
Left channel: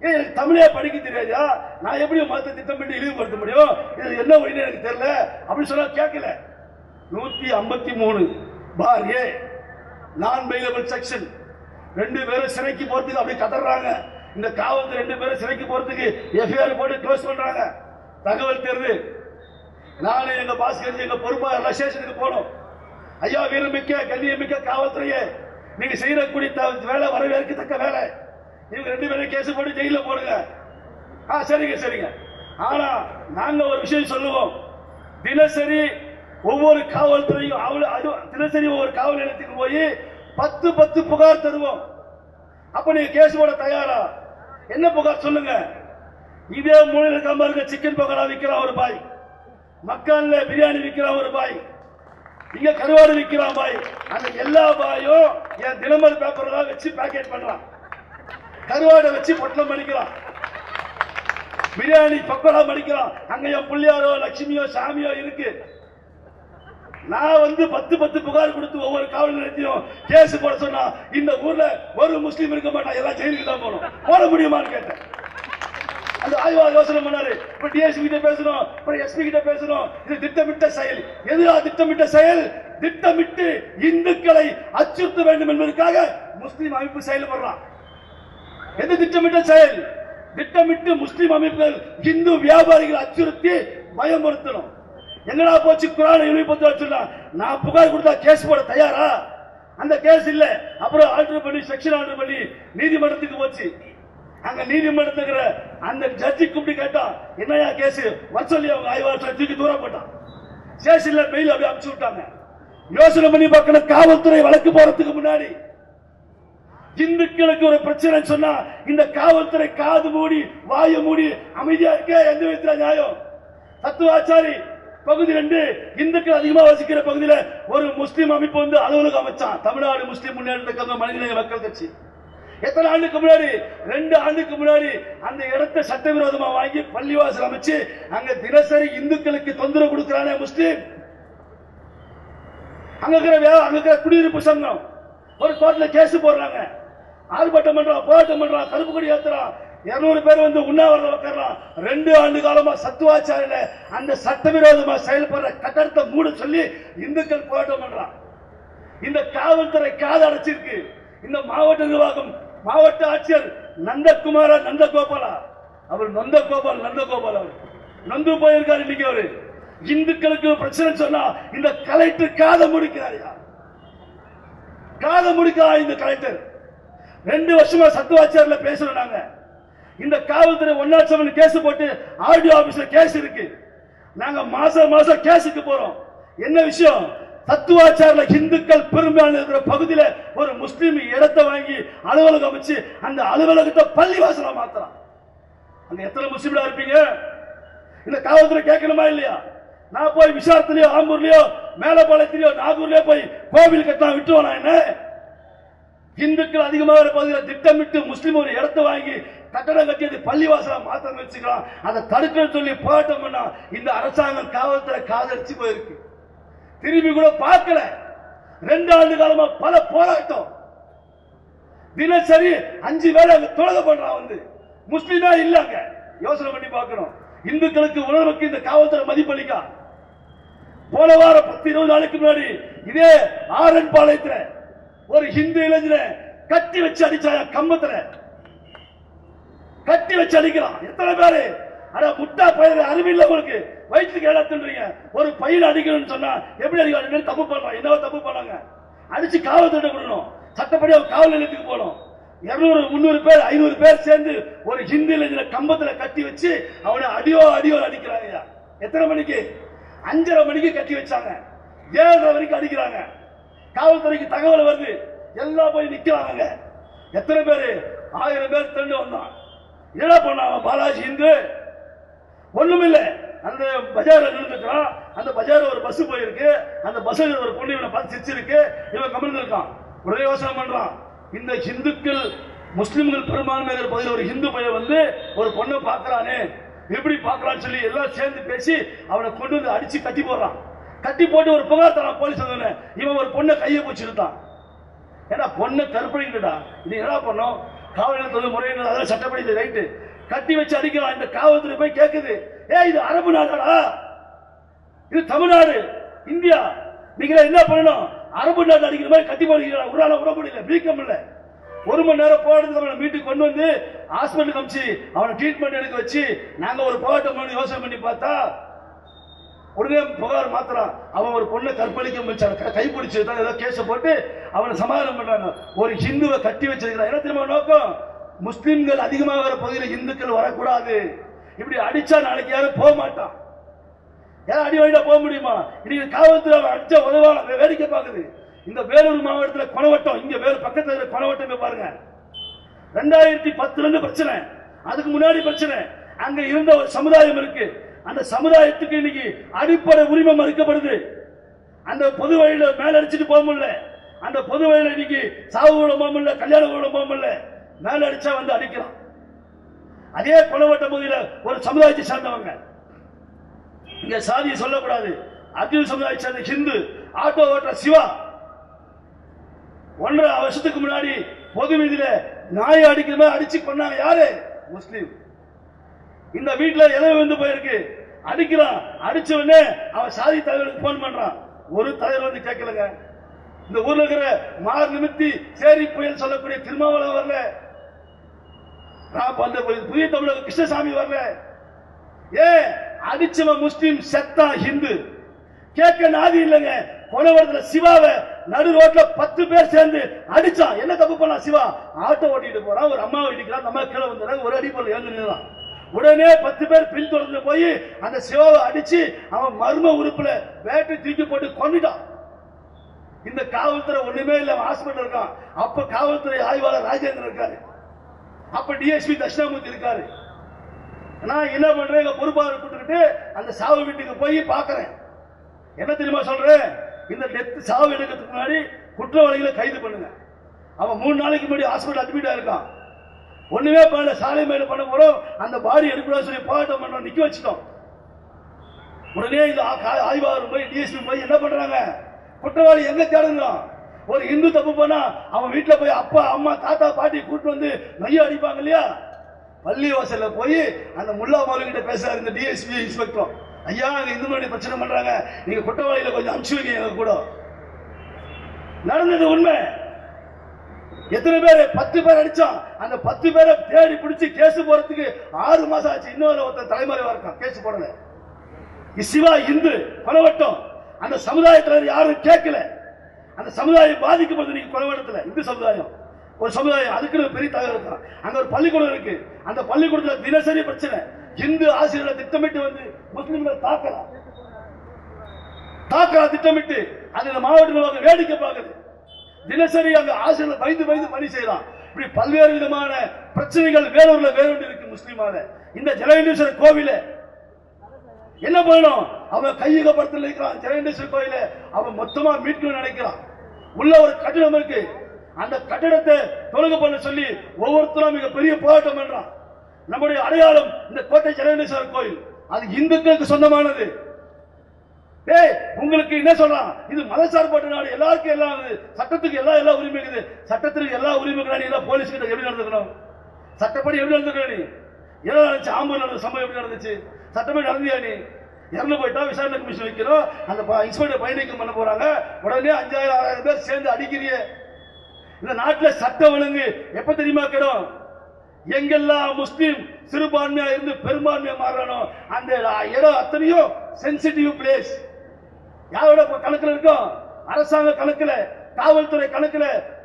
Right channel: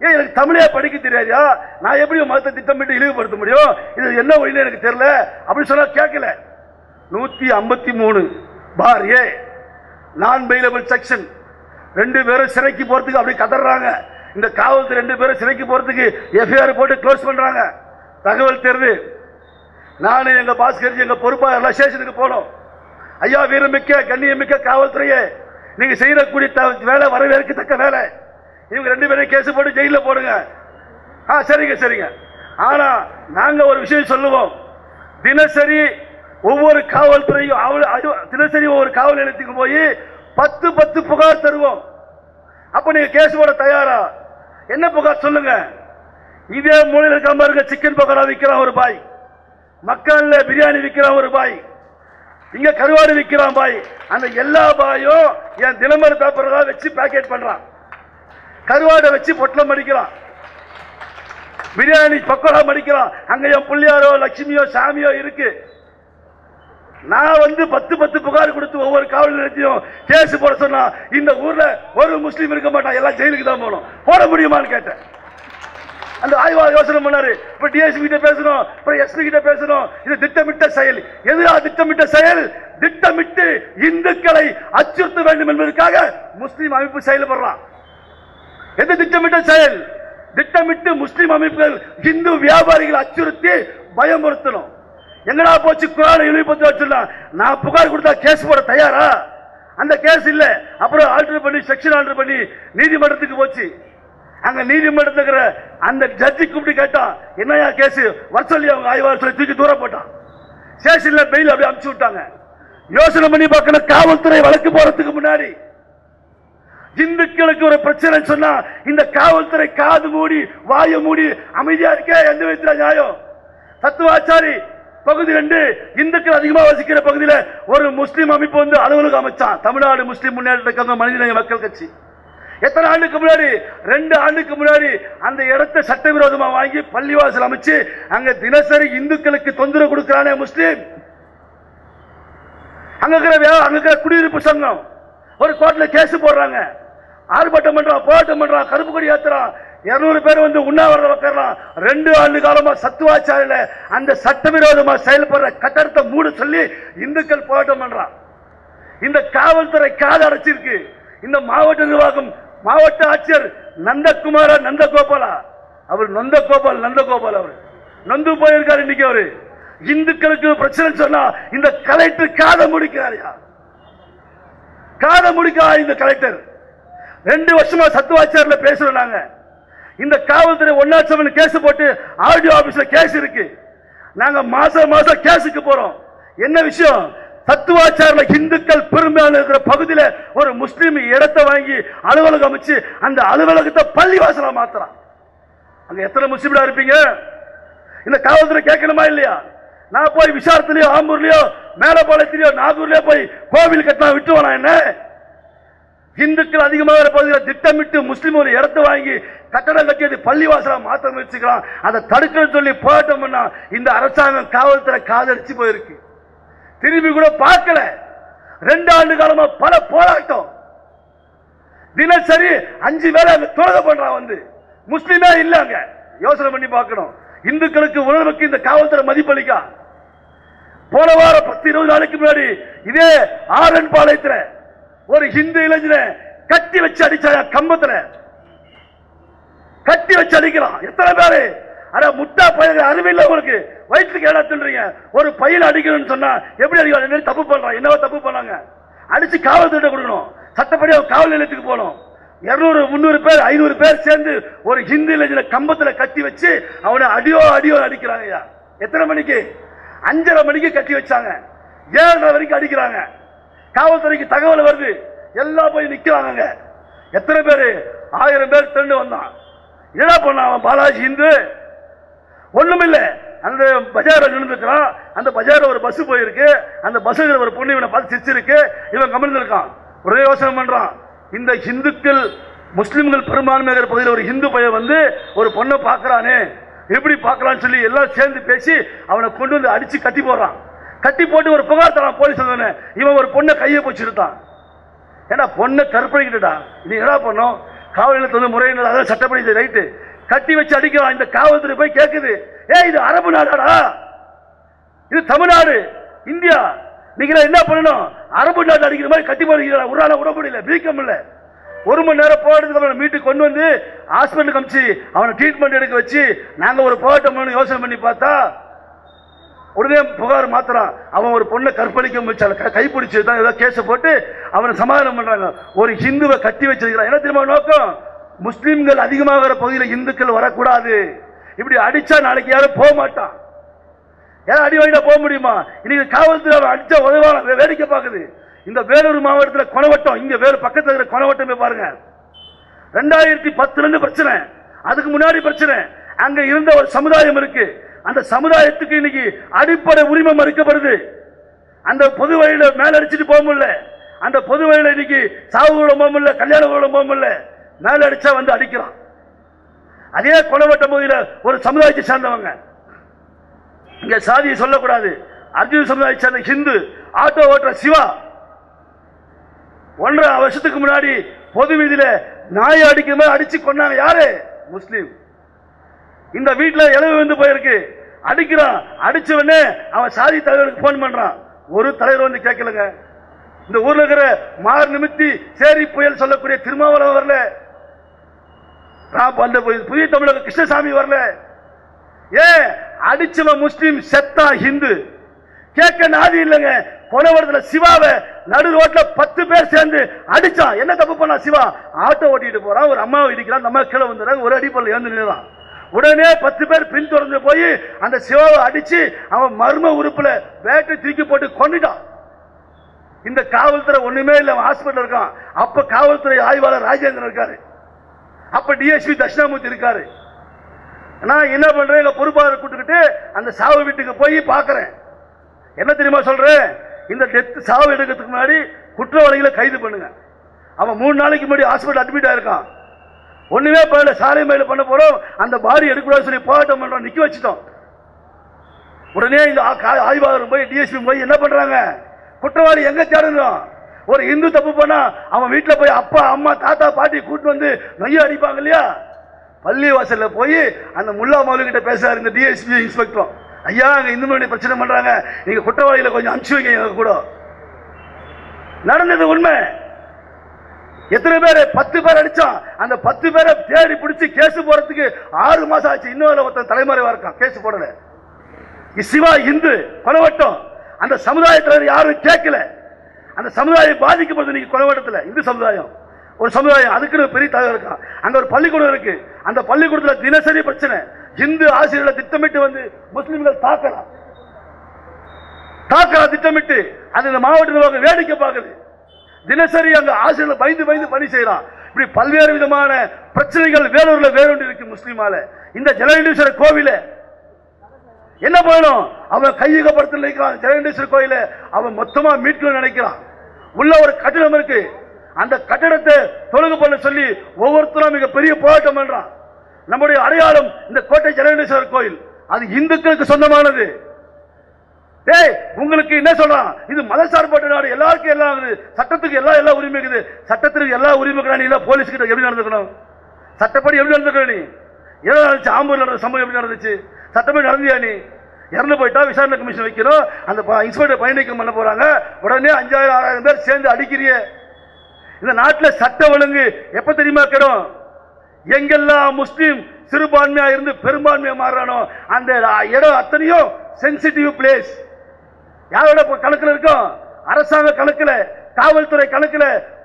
எனக்கு தமிழே படிக்க தெரியாதா, நான் எப்படி மதத்தை திட்டமிட்டு இழிவுபடுத்த முடியும்? இது என்ன வழின்னு எனக்கு தெரியல அப்படின்னு சொன்னா கேட்கல. 153 நான் பெயிலபிள் செக்ஷன். 2 பேரும் சிறைக்கு போறதுக்கு அப்படி கதறாங்க. இந்த காவல்துறை 2 பேரும் சிறைக்கு போறதுக்கு எஃப்ஐஆர் போட்டு க்ளோஸ் பண்றாங்க. தகவல் தெரியுது. நானும் எங்க பாஸ்கர் எங்க பொறுப்பா எல்லா ஸ்டேஷனுக்கு போனோம். ஐயா, வீரமிக்க கண்ணியமிக்க காவல்துறையே, நீங்க செய்யக்கூடிய வேலை வரவேற்கத்தக்க வேலை. இவங்க 2 பேரும் கேஸ் போட்டு ஜெயில போடுங்க. சரிங்க சரிங்க. ஆனா நாங்க ஒரு விஷயம் சொல்லுவோம். தினசரி ஒவ்வொரு காவல்துறையும் தினசரி ஒவ்வொரு காவல் நிலையத்துக்கு போய் 10 புகார் தருவோம். அப்ப நீங்க கேஸ் போட தயாரா? என்ன புகார் சொல்லுங்க. இதே மூலையில் இருக்க பாருங்க, சிக்கன் பக்கோடா விற்கிறான் ஒரு பாய், மக்கள்ல பிரியாணி விற்கிறான் ஒரு பாய், இங்க கருவாடு விற்கிறான் பாய். அந்த எல்லா பாயும் என் தினமர பேப்பர் தான் வச்சு பேக்கெட் பண்றான். கருவாடை வச்சு பொட்டலம் மடிக்கிறான், பிரியாணி பக்கோடா மடிக்கிறான். அங்க என் புள்ளியாரோ லட்சுமியோ சாமியோ இருக்கு. நான் வந்து 10 புகார் கொடுத்து ஒவ்வொரு காவல் நிலையத்தையும் கேஸ் போட சொன்னா இந்த ஊர்ல ஒரு முஸ்லீம் இருக்க மாட்டான், எல்லாம் ஜெயிலுக்கு தான் போகணும். போட முடியுமான்னு கேட்டேன். அந்த ஆய்வாளர் யோசனை பண்ணாரு. இப்ப டிஎஸ்பி கிட்ட பேசணும், எஸ்பி கிட்ட பேசணும். இது திட்டமிட்ட செயல். எதுவா திட்டமிட்ட செயல்? திட்டமிட்டு இந்துக்களை அச்சுறுத்த வேண்டும் என்பதற்காக முஸ்லீம் அமைப்பு செயல்படுறான். எது திட்டமிட்ட செயல்? திட்டமிட்டு முஸ்லீம் அமைப்புகள் இந்து வியாபாரிகள் அச்சுறுத்தி பயமுறுத்தணும். எங்கடா போச்சு குர்ஆனை இழிவுபடுத்த வச்சுடலாம். நான் புகார் கொடுத்தா கேஸ் போட தயாரா? அந்த கேஸ் இல்ல. அப்புறம் ஆல்டர் பண்ணி செக்ஷன் ஆல்டர் பண்ணி நீதிமன்றத்துக்கு போச்சு. அங்க நீதிமன்றத்துக்கு அந்த ஜட்ஜி கூப்பிட்டு கேட்டான், என்னையா கேஸ் வர சொல்லி அவங்க ஆய்வாளர் சொல்லி தூக்கி தூரம் போட்டான். ஸ்டேஷன்ல பெயில் அப்படியே அனுப்பிச்சு விட்டாங்க. யோசனை பண்ணி பார்க்கணும். காவல்துறை வழக்கு போறதுக்கு முன்னாடி இந்துக்களுக்கு ஒரு பிரச்சனை சொன்னா இந்த காவல்துறை காது மூடி வாய மூடி அமைதியா இருக்க எந்த விதத்துல நியாயம்? தத்துவாச்சாரி பகுதி 2 இந்துக்கள் அதிகமா வசிக்கிற பகுதியில் ஒரு முஸ்லீம் அமைப்பு வந்து அலுவலகம் அமைச்சான். தமிழ்நாடு முஸ்லீம் முன்னேற்ற கழகம் மனிதநேய மக்கள் கட்சி. எத்தனை ஆண்டுக்கு முன்னாடி? 2 ஆண்டுக்கு முன்னாடி அந்த இடத்தை சட்டவிரோதமா வாங்கி பள்ளிவாசல் அமைச்சு அங்க தினசரி இந்துக்களுக்கு தொந்தரவு கொடுக்கிறானே முஸ்லீம். அங்க இருக்கிற குடியிருப்பு சங்கம் ஒரு கோர்ட்ல கேஸ் போடுறாங்க. ஆர்ப்பாட்டம் பண்றான், போராட்டம் பண்றான், கருப்பு கொடி ஏத்துறான். 200 பேர் வந்து உண்ணாவிரதம் வைக்கிறான். 2 ஆண்டு காலமா சத்துவாச்சாரியில அந்த சட்டவிரோதமா செயல்படுற கட்டடத்தை மூட சொல்லி இந்துக்கள் போராட்டம் பண்றான். இந்த காவல்துறை காது அடைச்சிருக்கு. இந்த மாவட்ட நிர்வாகம், மாவட்ட ஆட்சியர் நந்தகுமார நந்தகோபாலா, அவர் நந்தகோபால் அவர் நந்து போயிருக்காரு. இன்னைக்கு அவரு இந்துக்களுக்கு பிரச்சனை சொன்னா இந்த கலெக்டர் காதை முடிக்கிறாரியா? காதை முடிக்கிறா இந்த கலெக்டர். 2 வருஷமா சத்துவாச்சாரில பேசுறோம் நாங்க. இந்த காவல்துறை 107 கேஸ் போட்டு ஆர்டிஓ ஆபீஸ்ல கேஸ் இருக்கு. நாங்க மாசம் கேஸுக்கு போறோம். என்ன விஷயம்? தத்துவாச்சாரில இந்துக்கள் பெரும்பாலான இருக்கிற பகுதியில் ஒரு முஸ்லீம் இடத்தை வாங்கி அலுவலகம் அமைச்சு அந்த அலுவலகத்தை பள்ளிவாசலா மாத்துறான். அங்க எத்தனை முஸ்லீம்டா இருப்பீங்க? இந்த காவல்துறை கேட்கணுமா இல்லையா? நான் போய் விசாரத்திலயோ ஆம்பூர்லயோ மேலப்பாளையத்திலயோ நாகூர்லயோ போய் கோவில் கட்டினா விட்டுவானா? என்ன இந்துக்கள் அதிகமாக பகுதியில் திட்டமிட்டு முஸ்லீம் ஒரு இடத்தை வாங்கி கட்டடம் கட்டியது பள்ளிவாசலா மாற்ற முயற்சிக்கலாம். அதை தடுக்க சொல்லி போராட்டம் பண்ணா இந்த அரசாங்கம் காவல்துறை காதடிச்சு போயிருக்கு. திரும்பி கூட பார்க்கல. 2 ஆண்டு காலமா பல போராட்டம். தினசரி 5 வேளை தொழுகை பண்றான். வந்து முஸ்லீமே இல்லங்க. யோசனை பண்ணி பார்க்கணும். இந்துக்களுக்கு உணர்வுக்கு இந்த காவல்துறை மதிப்பளிக்கா? போன வாரம் 10-20 நாளைக்கு முன்னாடி இதே ஆரன் பாளையத்துல ஒரு ஹிந்து இளைஞனை கட்டி வச்சு அடிச்சா. கம்பத்துல கட்டி வச்சு அடிக்கிறான். எத்தனை பேரு? அட முட்டா பயிர்கள் அறிவில்லை உங்களுக்கு. வயிற்றுக்கு ஏடா தின்றீங்க. ஒரு பையன் அடிக்கணும்னு சொன்னா எப்படி அடிக்கலாம்? தப்பு பண்றான். என்னவோ தப்பு பண்ணாங்க. அடிச்சு காவல்துறை கொடுக்கணும். சட்டப்படி காவல் நிலையத்துக்கு போகணும். 200 300 பேர் 500 பேர் சேர்ந்து ஒரு ஹிந்து இளைஞனை கம்பத்துல கட்டி வச்சு அவனை அடியோ அடிக்கிறாங்க. எத்தனை மணிக்கு? 5:30 மணிக்கு கட்டி வச்சாங்க. 7:30 வரைக்கும் அடிக்கிறாங்க. காவல்துறைக்கு தகவல் வருது, எல்லாம் போய் நிக்கிறாங்க. எத்தனை பேரு? 1000 பேர் திரண்டு வந்தான். என்ன பண்ண அவன்? பாலாஜி இந்து ஒண்ணுமில்ல. அந்த பஜார் நின்றுக்கிறான். அந்த பஜார் ஒரு பஸ் போயிருக்கு. அந்த பஸ்ல ஒரு பொண்ணு இவனை பார்த்து சிரிச்சிருக்கு. இவன் கமிழ்ந்து இருக்கான். ஒரே யோசனை பண்றான், இந்த இந்துக்கள் முஸ்லிம்கள் பெரும்பான்மை பகுதியில் ஒரு இந்து பையன் வந்து ஒரு பொண்ணை பார்க்கறானே, எப்படி பார்க்கலான்னு சொல்லி எல்லாம் சேர்ந்து பேசி அவனை கொண்டு வந்து அடிச்சு கட்டி போடுறான். கட்டி போட்டு ஒரு புகார் தரான் போலீஸ். இவன் ஒரு பொண்ணை கையை போச்சுட்டான். ஏன்னா பொண்ணை கற்பழிக்கிட்டா, நீ என்ன பண்ணும்? காவல் நிலையத்தில் முறையினர் அதான் சட்டப்படி ரைட்டு கட்டி வச்சு அடிக்கிறான். இந்த காவல்துறை போய் கேட்குது, இது அரபு நாடாடா, இது தமிழ்நாடு, இந்தியா, நீங்க என்ன பண்ணணும்? அரபு நாடு அடிக்கிற மாதிரி கட்டி போடுறீங்க. ஒரு ஆள விட முடியல, பிரிக்கம் இல்ல. 1 மணி நேரம் போராட்டத்துக்கு அவனை மீட்டு கொண்டு வந்து ஹாஸ்பிட்டலுக்கு அனுப்பிச்சு அவனை ட்ரீட்மெண்ட் எடுக்க வச்சு நாங்க ஒரு போராட்டம் யோசனை பண்ணி பார்த்தா உடனே புகார் மாத்திரான். அவன் ஒரு பொண்ணை கற்பழிக்க முயற்சி கைப்பிடிச்சு தான் ஏதோ கேஸை போட்டு அவனை சமாதானம் பண்றாங்க. ஒரு ஹிந்துவை கட்டி வச்சிருக்கிறான். என்ன தெரியுமா நோக்கம்? முஸ்லிம்கள் அதிகமாக பகுதியில் இந்துக்கள் வரக்கூடாது. இப்படி அடிச்சா நாளைக்கு யாரும் போக மாட்டான். யாரும் அடி வாங்கிட்டா போக முடியுமா? இன்னைக்கு காவல்துறை அடிச்சா உதவான வேடிக்கை பார்க்குது. இந்த வேலூர் மாவட்டத்தில் கொணவட்டம், இங்க வேறு பக்கத்தில் இருக்கிற கொணவட்டம் போய் பாருங்க. 2010 இருந்து பிரச்சனை, அதுக்கு முன்னாடி பிரச்சனை. அங்க இருந்த ஒரு சமுதாயம் இருக்கு. அந்த சமுதாயத்துக்கு இன்னைக்கு அடிப்படை உரிமை மறுக்கப்படுது. அந்த பொது வழியில மேல அடிச்சுட்டு போக முடியல. அந்த பொது வழியில இன்னைக்கு சாவு கூட போக முடியல, கல்யாணம் கூட போக முடியல. மேல அடிச்சா வந்து அடிக்கிறான். அதே கொணவட்ட பகுதியில் ஒரு சமுதாயத்தை சேர்ந்தவங்க, இங்க சாதியை சொல்லக்கூடாது, அர்ஜுன் சமுதாயத்தை சேர்ந்த ஹிந்து ஆட்டோ ஓட்டுற சிவா 1.5 வருஷத்துக்கு முன்னாடி பொது வீதியில நாயை அடிக்கிற மாதிரி அடிச்சு கொண்டாங்க. யாரு? முஸ்லீம். இந்த வீட்டில் இளவு வந்து போயிருக்கு. அடிக்கிறான். அடிச்ச உடனே அவன் சாதி தலைவருக்கு போன் பண்றான். ஒரு தலைவர் வந்து கேட்கலங்க. இந்த ஊர்ல இருக்கிற மார் நிமித்தி சேரி புயல் சொல்லக்கூடிய திருமாவளவன் வரல, அந்த புதிய தமிழக கிருஷ்ணசாமி வரல. ஏன்? அடிச்சவன் முஸ்லீம், செத்தா ஹிந்து. கேட்க நாதி இல்லைங்க. கொணவரத்துல சிவாவை நடு ரோட்ல 10 பேர் சேர்ந்து அடிச்சான். என்ன தப்பு பண்ணா சிவா? ஆட்டோ ஓட்டிட்டு போறான், ஒரு அம்மாவை இடிக்கிறான். நம்ம கீழே வந்துடுறாங்க, ஒரு அடிப்பொருள் இறந்து நின்றான். உடனே 10 பேர் பின் தொடர்ந்து போய் அந்த சிவாவை அடிச்சு அவன் மர்ம உறுப்புல வேட்டை தூக்கி போட்டு கொண்டுட்டான். இந்த காவல்துறை ஒண்ணுமே இல்ல, ஹாஸ்பிட்டல் இருக்கான். அப்ப காவல்துறை ஆய்வாளர் ராஜேந்திரன் இருக்காரு, அப்ப டிஎஸ்பி தட்சிணாமூர்த்தி இருக்காரு. நான் என்ன பண்றேன்? பொறுப்பாளர் கூட்டுக்கிட்டு அந்த சாவு வீட்டுக்கு போய் பாக்குறேன். என்ன தெரியுமா சொல்றேன்? இந்த டெத் சாவு எடுக்கிறதுக்கு முன்னாடி குற்றவாளிகளை கைது பண்ணுங்க. அவன் 3 நாளைக்கு முன்னாடி ஹாஸ்பிட்டல் அட்மிட் ஆயிருக்கான். ஒண்ணுமே பண்ணல, சாலை மேல பண்ண போறோம், அந்த பாடி எடுக்கூடாது சொல்லி போராட்டம் பண்றோம், நிக்க வச்சுட்டோம். உடனே இந்த ஆய்வாளர் போய் டிஎஸ்பி போய் என்ன பண்றாங்க? குற்றவாளி எங்க தேடணும்? ஒரு இந்து தப்பு பண்ணா அவன் வீட்டுல போய் அப்பா அம்மா தாத்தா பாட்டி கூட்டு வந்து நொய்ய அடிப்பாங்க இல்லையா? பள்ளி வாசல்ல போய் அந்த முல்லா மௌலவி கிட்ட பேசுறாரு இந்த டிஎஸ்பி இன்ஸ்பெக்டர். ஐயா, அங்க இந்து மணி பிரச்சனை பண்றாங்க, நீங்க குற்றவாளிகளை கொஞ்சம் அனுப்பிச்சு வைக்க கூட. நடந்தது உண்மை. எத்தனை பேர்? 10 பேர் அடிச்சான். அந்த 10 பேரை தேடி பிடிச்சி கேஸ் போறதுக்கு 6 மாசம் ஆச்சு. இன்னொரு ஒருத்தன் தலைமறைவா இருக்கான், கேஸ் போடல. சிவா இந்து கொணவட்டம். அந்த சமுதாயத்தில் யாரும் கேட்கல. அந்த சமுதாயம் பாதிக்கப்படுது. நீங்க கொணவட்டத்தில் இந்து சமுதாயம் ஒரு சமுதாயம், அதுக்கு பெரிய தலைவர் இருக்கான். அங்க ஒரு பள்ளிக்கூடம் இருக்கு. அந்த பள்ளிக்கூடத்தில் தினசரி பிரச்சனை. இந்து ஆசிரியர்களை திட்டமிட்டு வந்து முஸ்லிம்கள் தாக்கலாம் திட்டமிட்டு அது இந்த மாவட்ட நிர்வாகம் வேடிக்கை பார்க்குது. தினசரி அங்க ஆசிரியர்கள் பயந்து பணி செய்யறான். இப்படி பல்வேறு விதமான பிரச்சனைகள் வேலூர்ல வேறொன்று இருக்கு முஸ்லிமால. இந்த ஜலகண்டீஸ்வரர் கோவில என்ன பண்ணணும்? அவன் கையகப்படுத்த நினைக்கிறான். ஜலகண்டீஸ்வரர் கோயில அவன் மொத்தமா மீட்கணும்னு நினைக்கிறான். உள்ள ஒரு கட்டிடம் இருக்கு. அந்த கட்டிடத்தை தொழுகு பண்ண சொல்லி ஒவ்வொருத்தரும் மிக பெரிய போராட்டம் பண்றான். நம்முடைய அடையாளம் இந்த கோட்டை ஜலகண்டீஸ்வரர் கோயில், அது இந்துக்களுக்கு சொந்தமானது. உங்களுக்கு என்ன சொல்றான்? இது மதசார்பற்ற நாடு, எல்லாருக்கும் எல்லாம் சட்டத்துக்கு எல்லா உரிமை இருக்குது. சட்டத்திற்கு எல்லா உரிமை போலீஸ் கிட்ட எப்படி நடந்துக்கணும்? சட்டப்படி எப்படி நடந்துக்கணும்? நீ என்ன நடந்துச்சு? ஆம்பூர் நடந்த சம்பவம் எப்படி நடந்துச்சு? சட்டப்படி நடந்தியா? நீ இறந்து போயிட்டா விசாரணை கமிஷன் வைக்கணும். அந்த இன்ஸ்பெக்டர் பயணிக்கம் பண்ண போறாங்க. உடனே 5000-6000 பேர் சேர்ந்து அடிக்கிறிய. இந்த நாட்டில் சட்ட ஒழுங்கு எப்ப தெரியுமா கெடும்? எங்கெல்லாம் முஸ்லீம் சிறுபான்மையா இருந்து பெரும்பான்மையா மாறானோ அந்த இடம் அத்தனையும் சென்சிட்டிவ் பிளேஸ். யாரோட கணக்கில் இருக்கும்? அரசாங்க கணக்கில் காவல்துறை கணக்குல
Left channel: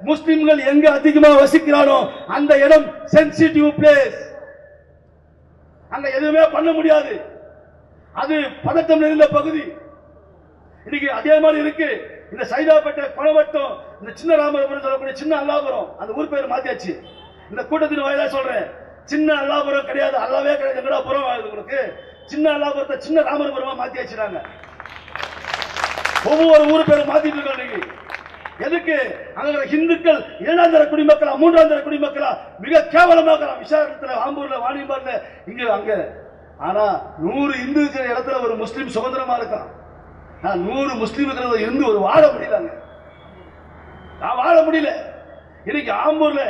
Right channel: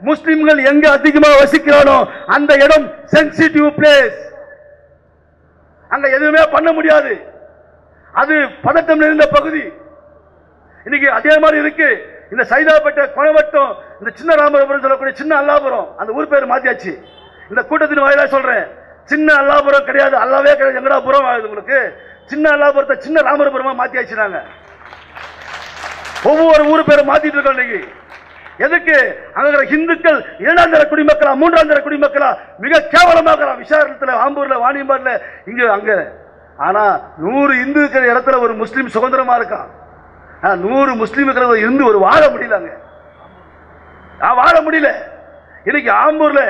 முஸ்லிம்கள் எங்க அதிகமா வசிக்கிறானோ அந்த இடம் சென்சிட்டிவ் பிளேஸ். அங்க எதுவுமே பண்ண முடியாது. அது பதட்டம் நிறைந்த பகுதி. இன்னைக்கு அதே மாதிரி இருக்கு. இந்த சைதாப்பேட்டை கொணவட்டம், இந்த சின்ன ராமபுரம் சொல்லக்கூடிய சின்ன அல்லாபுரம், அந்த ஊர் பேர் மாத்தியாச்சு. இந்த கூட்டத்தின் வாயிலா சொல்றேன், சின்ன அல்லாபுரம் கிடையாது, அல்லாவே கிடையாது. எங்கடா புறம் ஆகுது உங்களுக்கு? சின்ன அல்லாபுரத்தை சின்ன ராமபுரமா மாத்தியாச்சு. நாங்க ஒவ்வொரு ஊர் பேரும் மாத்திட்டு இருக்கோம். இன்னைக்கு எதுக்கு? அங்க இந்துக்கள் 2ஆம் தர குடிமக்களா 3ஆம் தர குடிமக்களா மிக கேவலமாக விசாரணத்துல, ஆம்பூர்ல, வாணியம்பாடில, இங்க அங்க. ஆனா 100 இந்து இருக்கிற இடத்துல ஒரு முஸ்லீம் சுதந்திரமா இருக்கான். 100 முஸ்லீம் இருக்கிற இருந்து ஒரு வாழ முடியலங்க. வாழ முடியல. இன்னைக்கு ஆம்பூர்ல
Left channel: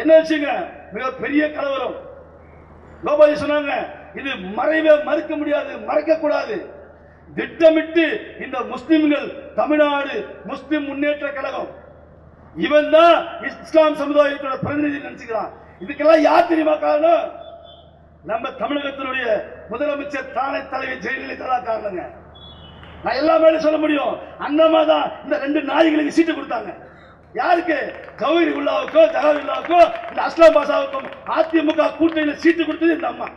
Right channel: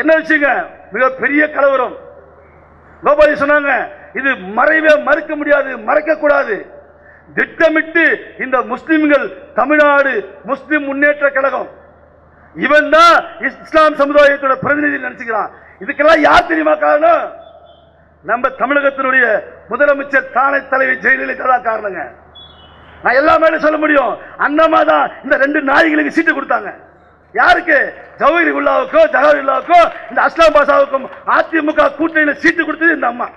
என்ன வச்சுங்க, மிக பெரிய கலவரம். கோபாலி சொன்னாங்க, இது மறைவே மறுக்க முடியாது, மறைக்க கூடாது. திட்டமிட்டு இந்த முஸ்லிம்கள் தமிழ்நாடு முஸ்லிம் முன்னேற்ற கழகம் இவன் தான் இஸ்லாம் சமுதாயத்தோட பிரதிநிதி நினைச்சுக்கிறான். இதுக்கெல்லாம் யார் தெரியுமா காரணம்? நம்ம தமிழகத்தினுடைய முதலமைச்சர் தானே தலைவி ஜெயலலிதா தான் காரணங்க. நான் எல்லாமே சொல்ல முடியும். அண்ணமா தான் இந்த 2 நாய்களுக்கு சீட்டு கொடுத்தாங்க. யாருக்கு? ஜவஹர் உல்லாவுக்கோ ஜவஹர்லாவுக்கோ இந்த அஸ்லாம் பாஷாவுக்கும் அதிமுக கூட்டணியில் சீட்டு கொடுத்தது இந்த அம்மா.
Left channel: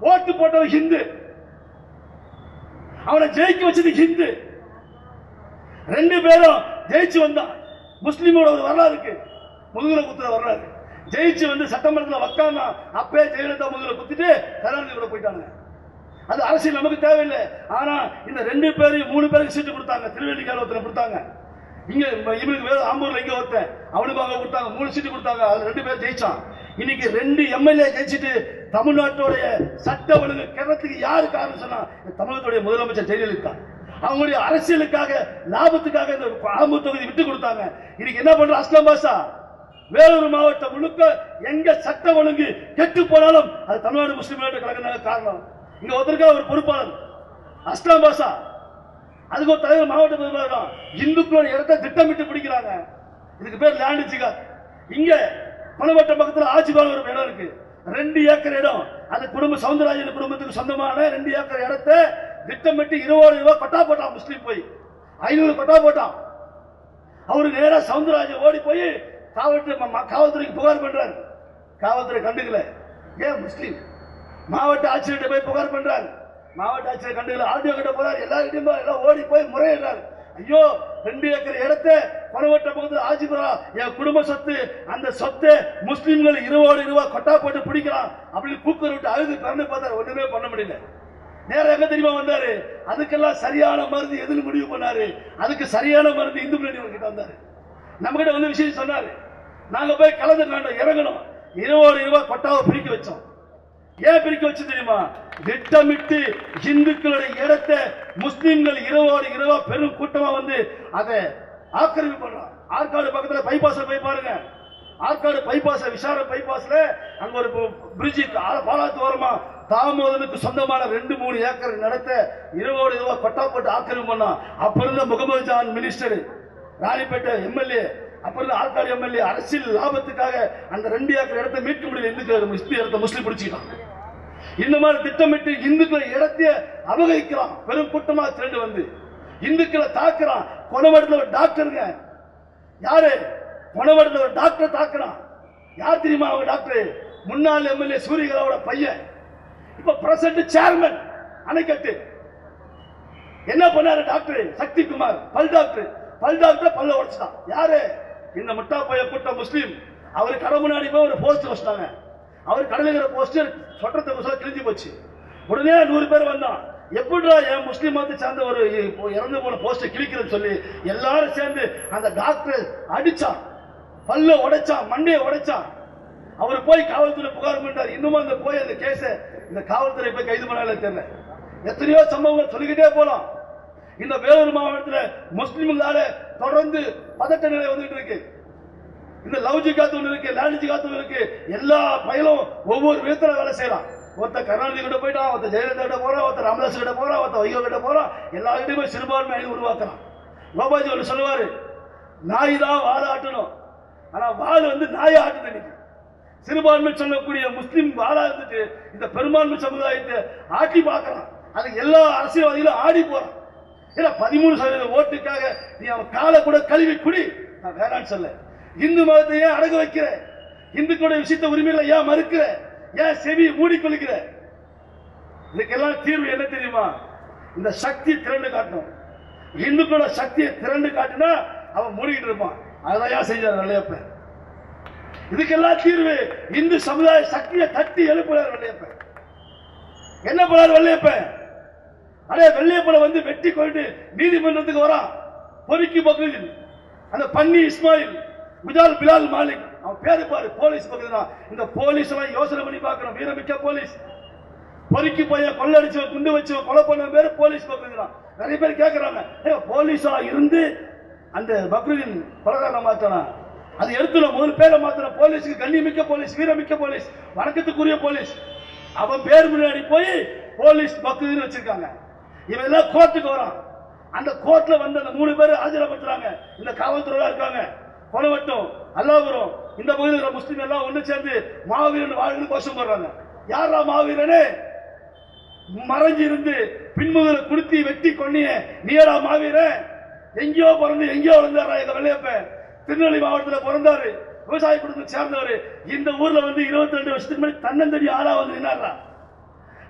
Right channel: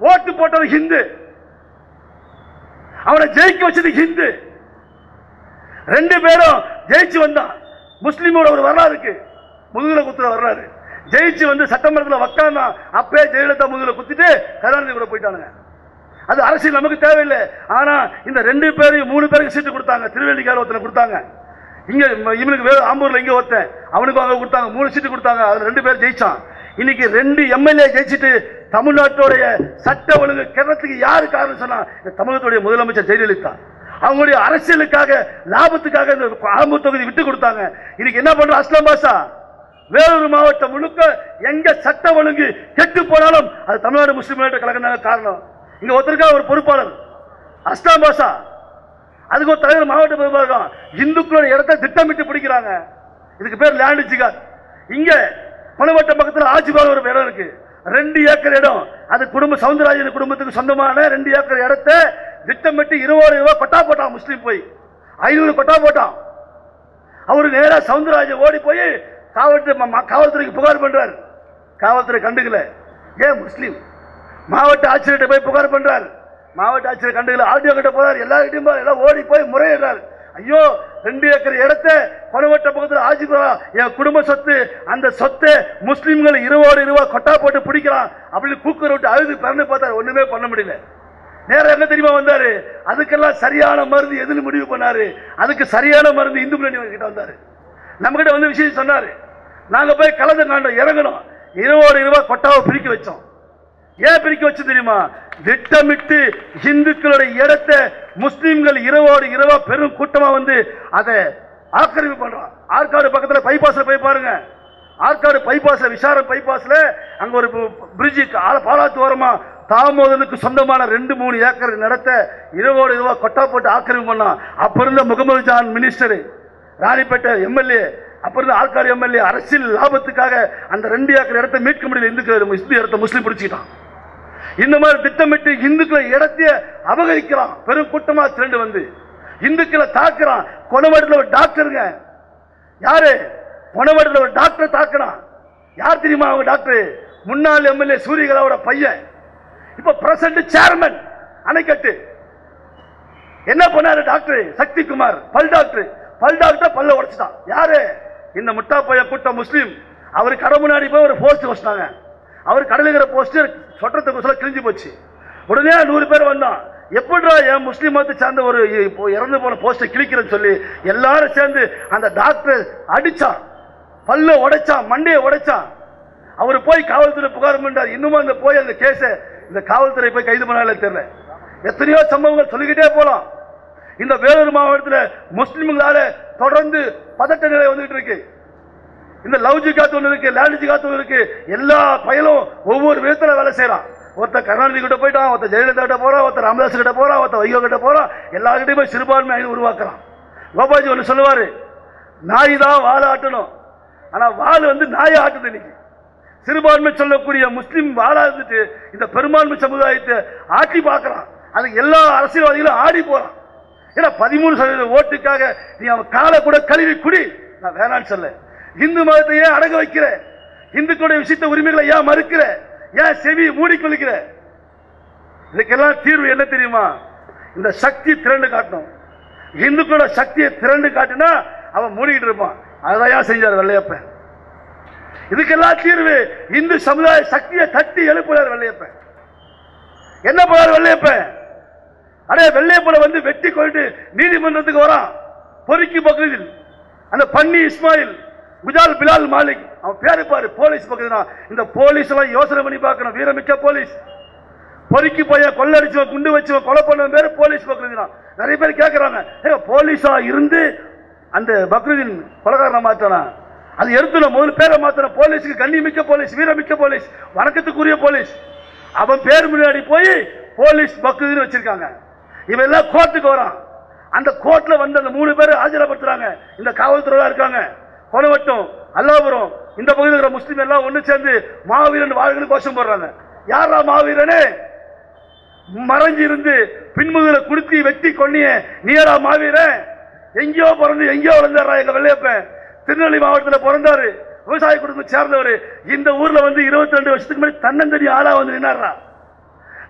ஓட்டு போட்டது ஹிந்து, அவனை ஜெயிக்க வச்சது ஹிந்து. 2 பேரும் ஜெயிச்சு வந்தான். முஸ்லீமோட ஒரு வரலாறு இருக்கு, முதுகுல குத்துற வரலாறு. ஜெயிச்சு வந்து சட்டமன்றத்தில் உட்கார்ந்தா, அப்பே ஜெயலலிதா முதுகுல குத்திட்டு கருணாநிதி கூட போயிட்டானுங்க. அது அரசியல் நமக்கு தேவையில்லை. ஆனா இந்த 2 பேரையும் 3 பேருக்கு சீட்டு கொடுத்தாங்க. திருவள்ளிக்கார ஒருத்தர் கொடுத்தாங்க, இங்க இவனுக்கு ஆம்பூர்ல இங்க ஒருத்தன், அவனுக்கு அவங்க கொடுத்தாங்க. 3 சீட்டு கொடுத்தாங்க. அதுல 2 பேர் ஜெயிச்சான். இன்னைக்கு 2 எம்எல்ஏ ஜெயிச்சுட்டு தமிழ்நாட்டுடைய சட்ட ஒழுங்கு கிணத்துக்கு யாரு காரணம் சொன்னா, தமிழகத்துடைய முதலமைச்சர் ஜெயலலிதா. அவங்களுடைய அரசியலுக்காக, லாபத்துக்காக இந்த ஆம்பூர் தொகுதி விட்டு கொடுத்தாங்க. இன்னைக்கு என்ன பண்ற அஸ்லாம் பாஷா? வேலூர் மாவட்டம் முழுக்க எங்க சட்ட ஒழுங்கு கெட்டு போனாலும் அது தமிழ்நாடு முஸ்லிம் முன்னேற்ற கழகம் காரணம். இங்க ஒருத்தருக்கா ஒரு பொறுப்பாளர் அஸ்லாம் பாஷா, அதுக்கு ஒரு தலைவர் மாவட்ட பொறுப்பாளர். இந்துக்களோட இடத்தை திட்டமிட்டு பிடிக்கிறாங்க. இதுக்கு பேர் லேண்ட் ஜிகாத். இங்க பணவட்டம் பக்கத்தில் ஆட்சிபால் ஒரு இடம் இருக்கு, 2 ஏக்கர் இடம். அது சவுந்தரராஜன் குடும்பத்துக்கு சொந்தமான 2 ஏக்கர் இடத்தை திட்டமிட்டு 20 ரூபாய் கொட்டா போட்டான். முஸ்லீம் போய் 500 கொட்டா போட்டான். அவரு நேரா சவுந்தரராஜன் ஓடி போய் காவல்துறைக்கு புகார் பண்றாரு. காவல்துறை கண்டுக்கல. ஏன் முஸ்லீம் மாவட்ட ஆட்சியர்கிட்ட போய் புகார் பண்றாரு. மாவட்ட ஆட்சியர் கண்டுக்கல. ஆர்டிஓ கிட்ட போறாரு. எல்லார்கிட்டையும் எல்லாம் ஓடி போய் முறையிடுறாரு. ஐயோ, 2 ஏக்கர் இடத்தை கொணவட்ட பக்கத்தில் ஆட்சிபுரா, என் குடும்ப சொத்து, அந்த சொத்தை முஸ்லீம்கள் 20 ரூபாய் கொட்டா போட்டு பிடிக்கலாம் அப்படின்னு கூக்குற விட்டு அழுது பிறந்து பார்த்தாரு. ஒண்ணுமே பண்ண முடியல. நேரம் எங்க தெரியுமா வந்தாரு? அதுக்கெல்லாம் சரியான மருந்து எதுன்னு முடிவு பண்ணாரு. அதுக்கு சரியான மருந்து இந்து முன்னணி கிட்ட வந்தாரு. நம்ம கிட்ட வந்து விஷயம் சொன்னாரு. நாங்க போய் கலந்து காண்டோம், இறங்கணும். 20 ரூபாய் கொட்டாவை பிரிக்க வச்சோம். ஏன் பிரிக்க வச்சு தெரியுமா? திட்டமிட்டு இந்துக்களுடைய இடத்தை முஸ்லிம்கள் 20 ரூபாய் பெரும் கூட்டமா வந்து அதை ஆக்கிரமிப்பு பண்றான். ஆற்காடு பக்கத்துல பைபாஸ்ல போய் பாருங்க. ஆற்காடு பைபாஸ்ல, விசாரம் பைபாஸ்ல அங்க ஒரு பிரிட்ஜ் பாலாத்து ஓரமா தாமோதனுக்கு சொந்தமான 2-3 ஏக்கர் நடத்த 20 ரூபாய் கொட்டா போட்டு ஆக்கிரமிப்பு பண்ணான். அப்ப இருந்த முகமது ஜான் மினிஸ்டர், ராணிப்பேட்டை எம்எல்ஏ, அப்ப இருந்த ஆற்காடு எம்எல்ஏ அரசியல் லாபத்துக்காக அந்த 2 ஏக்கர் இடத்தை மீட்க முடியல. இந்துக்கள் இடத்தை முஸ்லீம் பிடிச்சிட்டான். இந்த மாதிரி திட்டமிட்டு இந்துக்களை இடத்தைய அபகரிக்கிறான். பெரும் கூட்டமா திரண்டு வந்து இந்துக்களை தாக்குறான். கொணவட்டத்தில் ஒரு டாக்டருங்க, யாரு கொணவட்டத்தில் ஒரு டாக்டர் தாக்குறான். யார் தெரியுமா? அவங்க டாக்டர் முன்னாள் எம்எல்ஏ சூரியகலாவோட பையன், இப்ப பிரசிடண்ட் சேர்மன் அணைக்கட்டு. என்ன பண்ணாரு டாக்டர் சக்திகுமார்? பல் டாக்டர் பல்ல உடைச்சிட்டான். யாரு? இந்த முட்டா பைய கூட்டம் முஸ்லீம். அவரு கடை முன்னாடி போய் ஒரு போஸ்ட் வச்சிட்டாங்க. அவர் கடலுகிற போஸ்ட் சொட்டத்துக்கு கிழிஞ்சு போச்சு. உடனே 100 பேர் வந்தான். எப்படிடா என் முஸ்லீம் மதத்தை சேர்ந்த ஒரு இறந்து போன போஸ்டை கிழிக்கிறேன்னு சொல்லி எல்லாரும் சேர்ந்து அந்த டாக்டர் அடிச்சான், பல்ல உடைச்சான், மண்டையை உடைச்சான். அவர் போய் காவல்துறை புகார் பண்ணார். இன்னும் அந்த போய் அந்த கேஸ இந்த காவல்துறை போய் கைது பண்ணாலே தெரியல. எத்தனையோ சம்பவங்கள் சொல்லிக்கிட்டே போலாம். இந்த வேலூர் மாவட்டத்தில் முஸ்லிம்களால தொடர்ந்து பதட்ட நிலை வந்துட்டு இருக்கு. இந்த லவ் ஜிகாத் ஒன்று இருக்கு, லேண்ட் ஜிகாத் ஒன்று இருக்கு. எல்லா பயலும் ஒவ்வொரு விதத்தில் வேலை செய்யறான். ஒருத்தர் கருணாநிதி கிட்ட போயிட்டான், ஒருத்தர் ஜெயலலிதா கிட்ட போறான், ஒருத்தர் ராமதாஸ் கிட்ட போறான், ஒருத்தர் வைகோ கிட்ட போறான். எல்லாருக்கிட்டையும் போய் சிறுபான்மை உருவாக்குறான். கோபாஜி ஒன்று சொல்லுவாரு, நாய் தான் வாழை ஆட்டணும், ஆனா வாள் வந்து நாயை ஆட்டுது. இன்னைக்கு சிறுபான்மை சொல்லக்கூடிய முஸ்லிம் வாழா இருந்துட்டு இந்த பெரும்பான்மை சமுதாயத்தை ஆட்டி பார்க்கிறான். அதுக்கு எல்லா அரசியல்வாதிகளும் ஆடி போறான். ஏன்னா 13% ஓட்டுக்காக நீ அவன் காலை கூட கழுவி குடி, நான் வேணான்னு சொல்ல. இந்து மதத்தை ஏன் அடங்க வைக்கிற? இந்துக்களுடைய விஷயத்த உரிமைகளை ஏன் மறுக்கிற? ஏன் செவி மூடிக்கொள்கிற? இதுக்கெல்லாம் தீர்வு என்ன தெரியுமா? இந்த சக்தி திரண்டு காட்டணும். இந்துக்களோட சக்தியை திரண்டு காட்டினா அவன் மூடிக்கிட்டு இருப்பான். அதான் செஞ்சார் வெள்ளையப்பன். இதுக்கெல்லாம் தீர்வு இந்து சமுதாய சக்தியை தட்டி எழுப்புறார் வெள்ளையப்பன். என்ன பண்ணார் வெள்ளையப்பன்? அடே வெள்ளையப்பனை வந்து வெட்டி கொண்டு நீதிமன்றத்துக்கு வரான். பொறுக்கி பகுதியில் அந்த பன்னி இஸ்மாயில், குஜால் பிலால் மாலிக், அவன் பேரு பாரு, போலீஸ் பகுதினா. இந்த போலீஸ் எல்லாம் யோசனை பண்ணி பார்க்கணும். வீரமிக்க போலீஸ். பொறுக்கி போய் கொள்ளடிச்சவன், குண்டு வச்சவன், கொலை பண்ணவன் பேரு போலீஸ் பகுதினா. நிறைய பேர் கேட்கிறாங்க, போலீஸா இருந்து அந்த பக்ரீதின் கொலைகாரனை மாத்தானா? அது எடுத்து முதல் பேரை மாத்தின போலீஸுக்கு கண்ணியமிக்க போலீஸ், வீரமிக்க போலீஸ், வணக்கத்துக்குரிய போலீஸ். அவன் பேர் முன்னாடி போய் போலீஸ் பக்ரீதின்னு வச்சிருக்காங்க. இவன் எல்லாம் கோர்ட்டுக்கு வரான். அந்த கோர்ட்ல வந்து அந்த 3 பேர் ஆஜரப்படுத்துறாங்க. இந்த காவல்துறை இருக்காங்க. கொலவட்டம், அல்லாபுரம், இந்த பகுதியில் இருக்கிற முஸ்லீம் எல்லாம் ஒண்ணு சேர்ந்து மாவீரன் வாழ்க்கை கோஷம் போடுறாங்க. யாரா மாவீரனே? மறைஞ்சி இருந்து பின்முதுல குடுத்தி வெட்டி கொன்னிய நீரா மாவீரன்? எங்கேயோ பிறந்து எங்கேயோ வளர்ந்தாரா எங்க வெள்ளையப்பன்? திருநெல்வேலி மாவட்டத்தில் பிறந்தாரு, விவசாய குடும்பத்தை சேர்ந்தவர். இந்த ஊர்ல வந்து 22 வருஷத்துக்கு முன்னாடி தன்னந்தனி ஆளா வந்து நின்னாரா?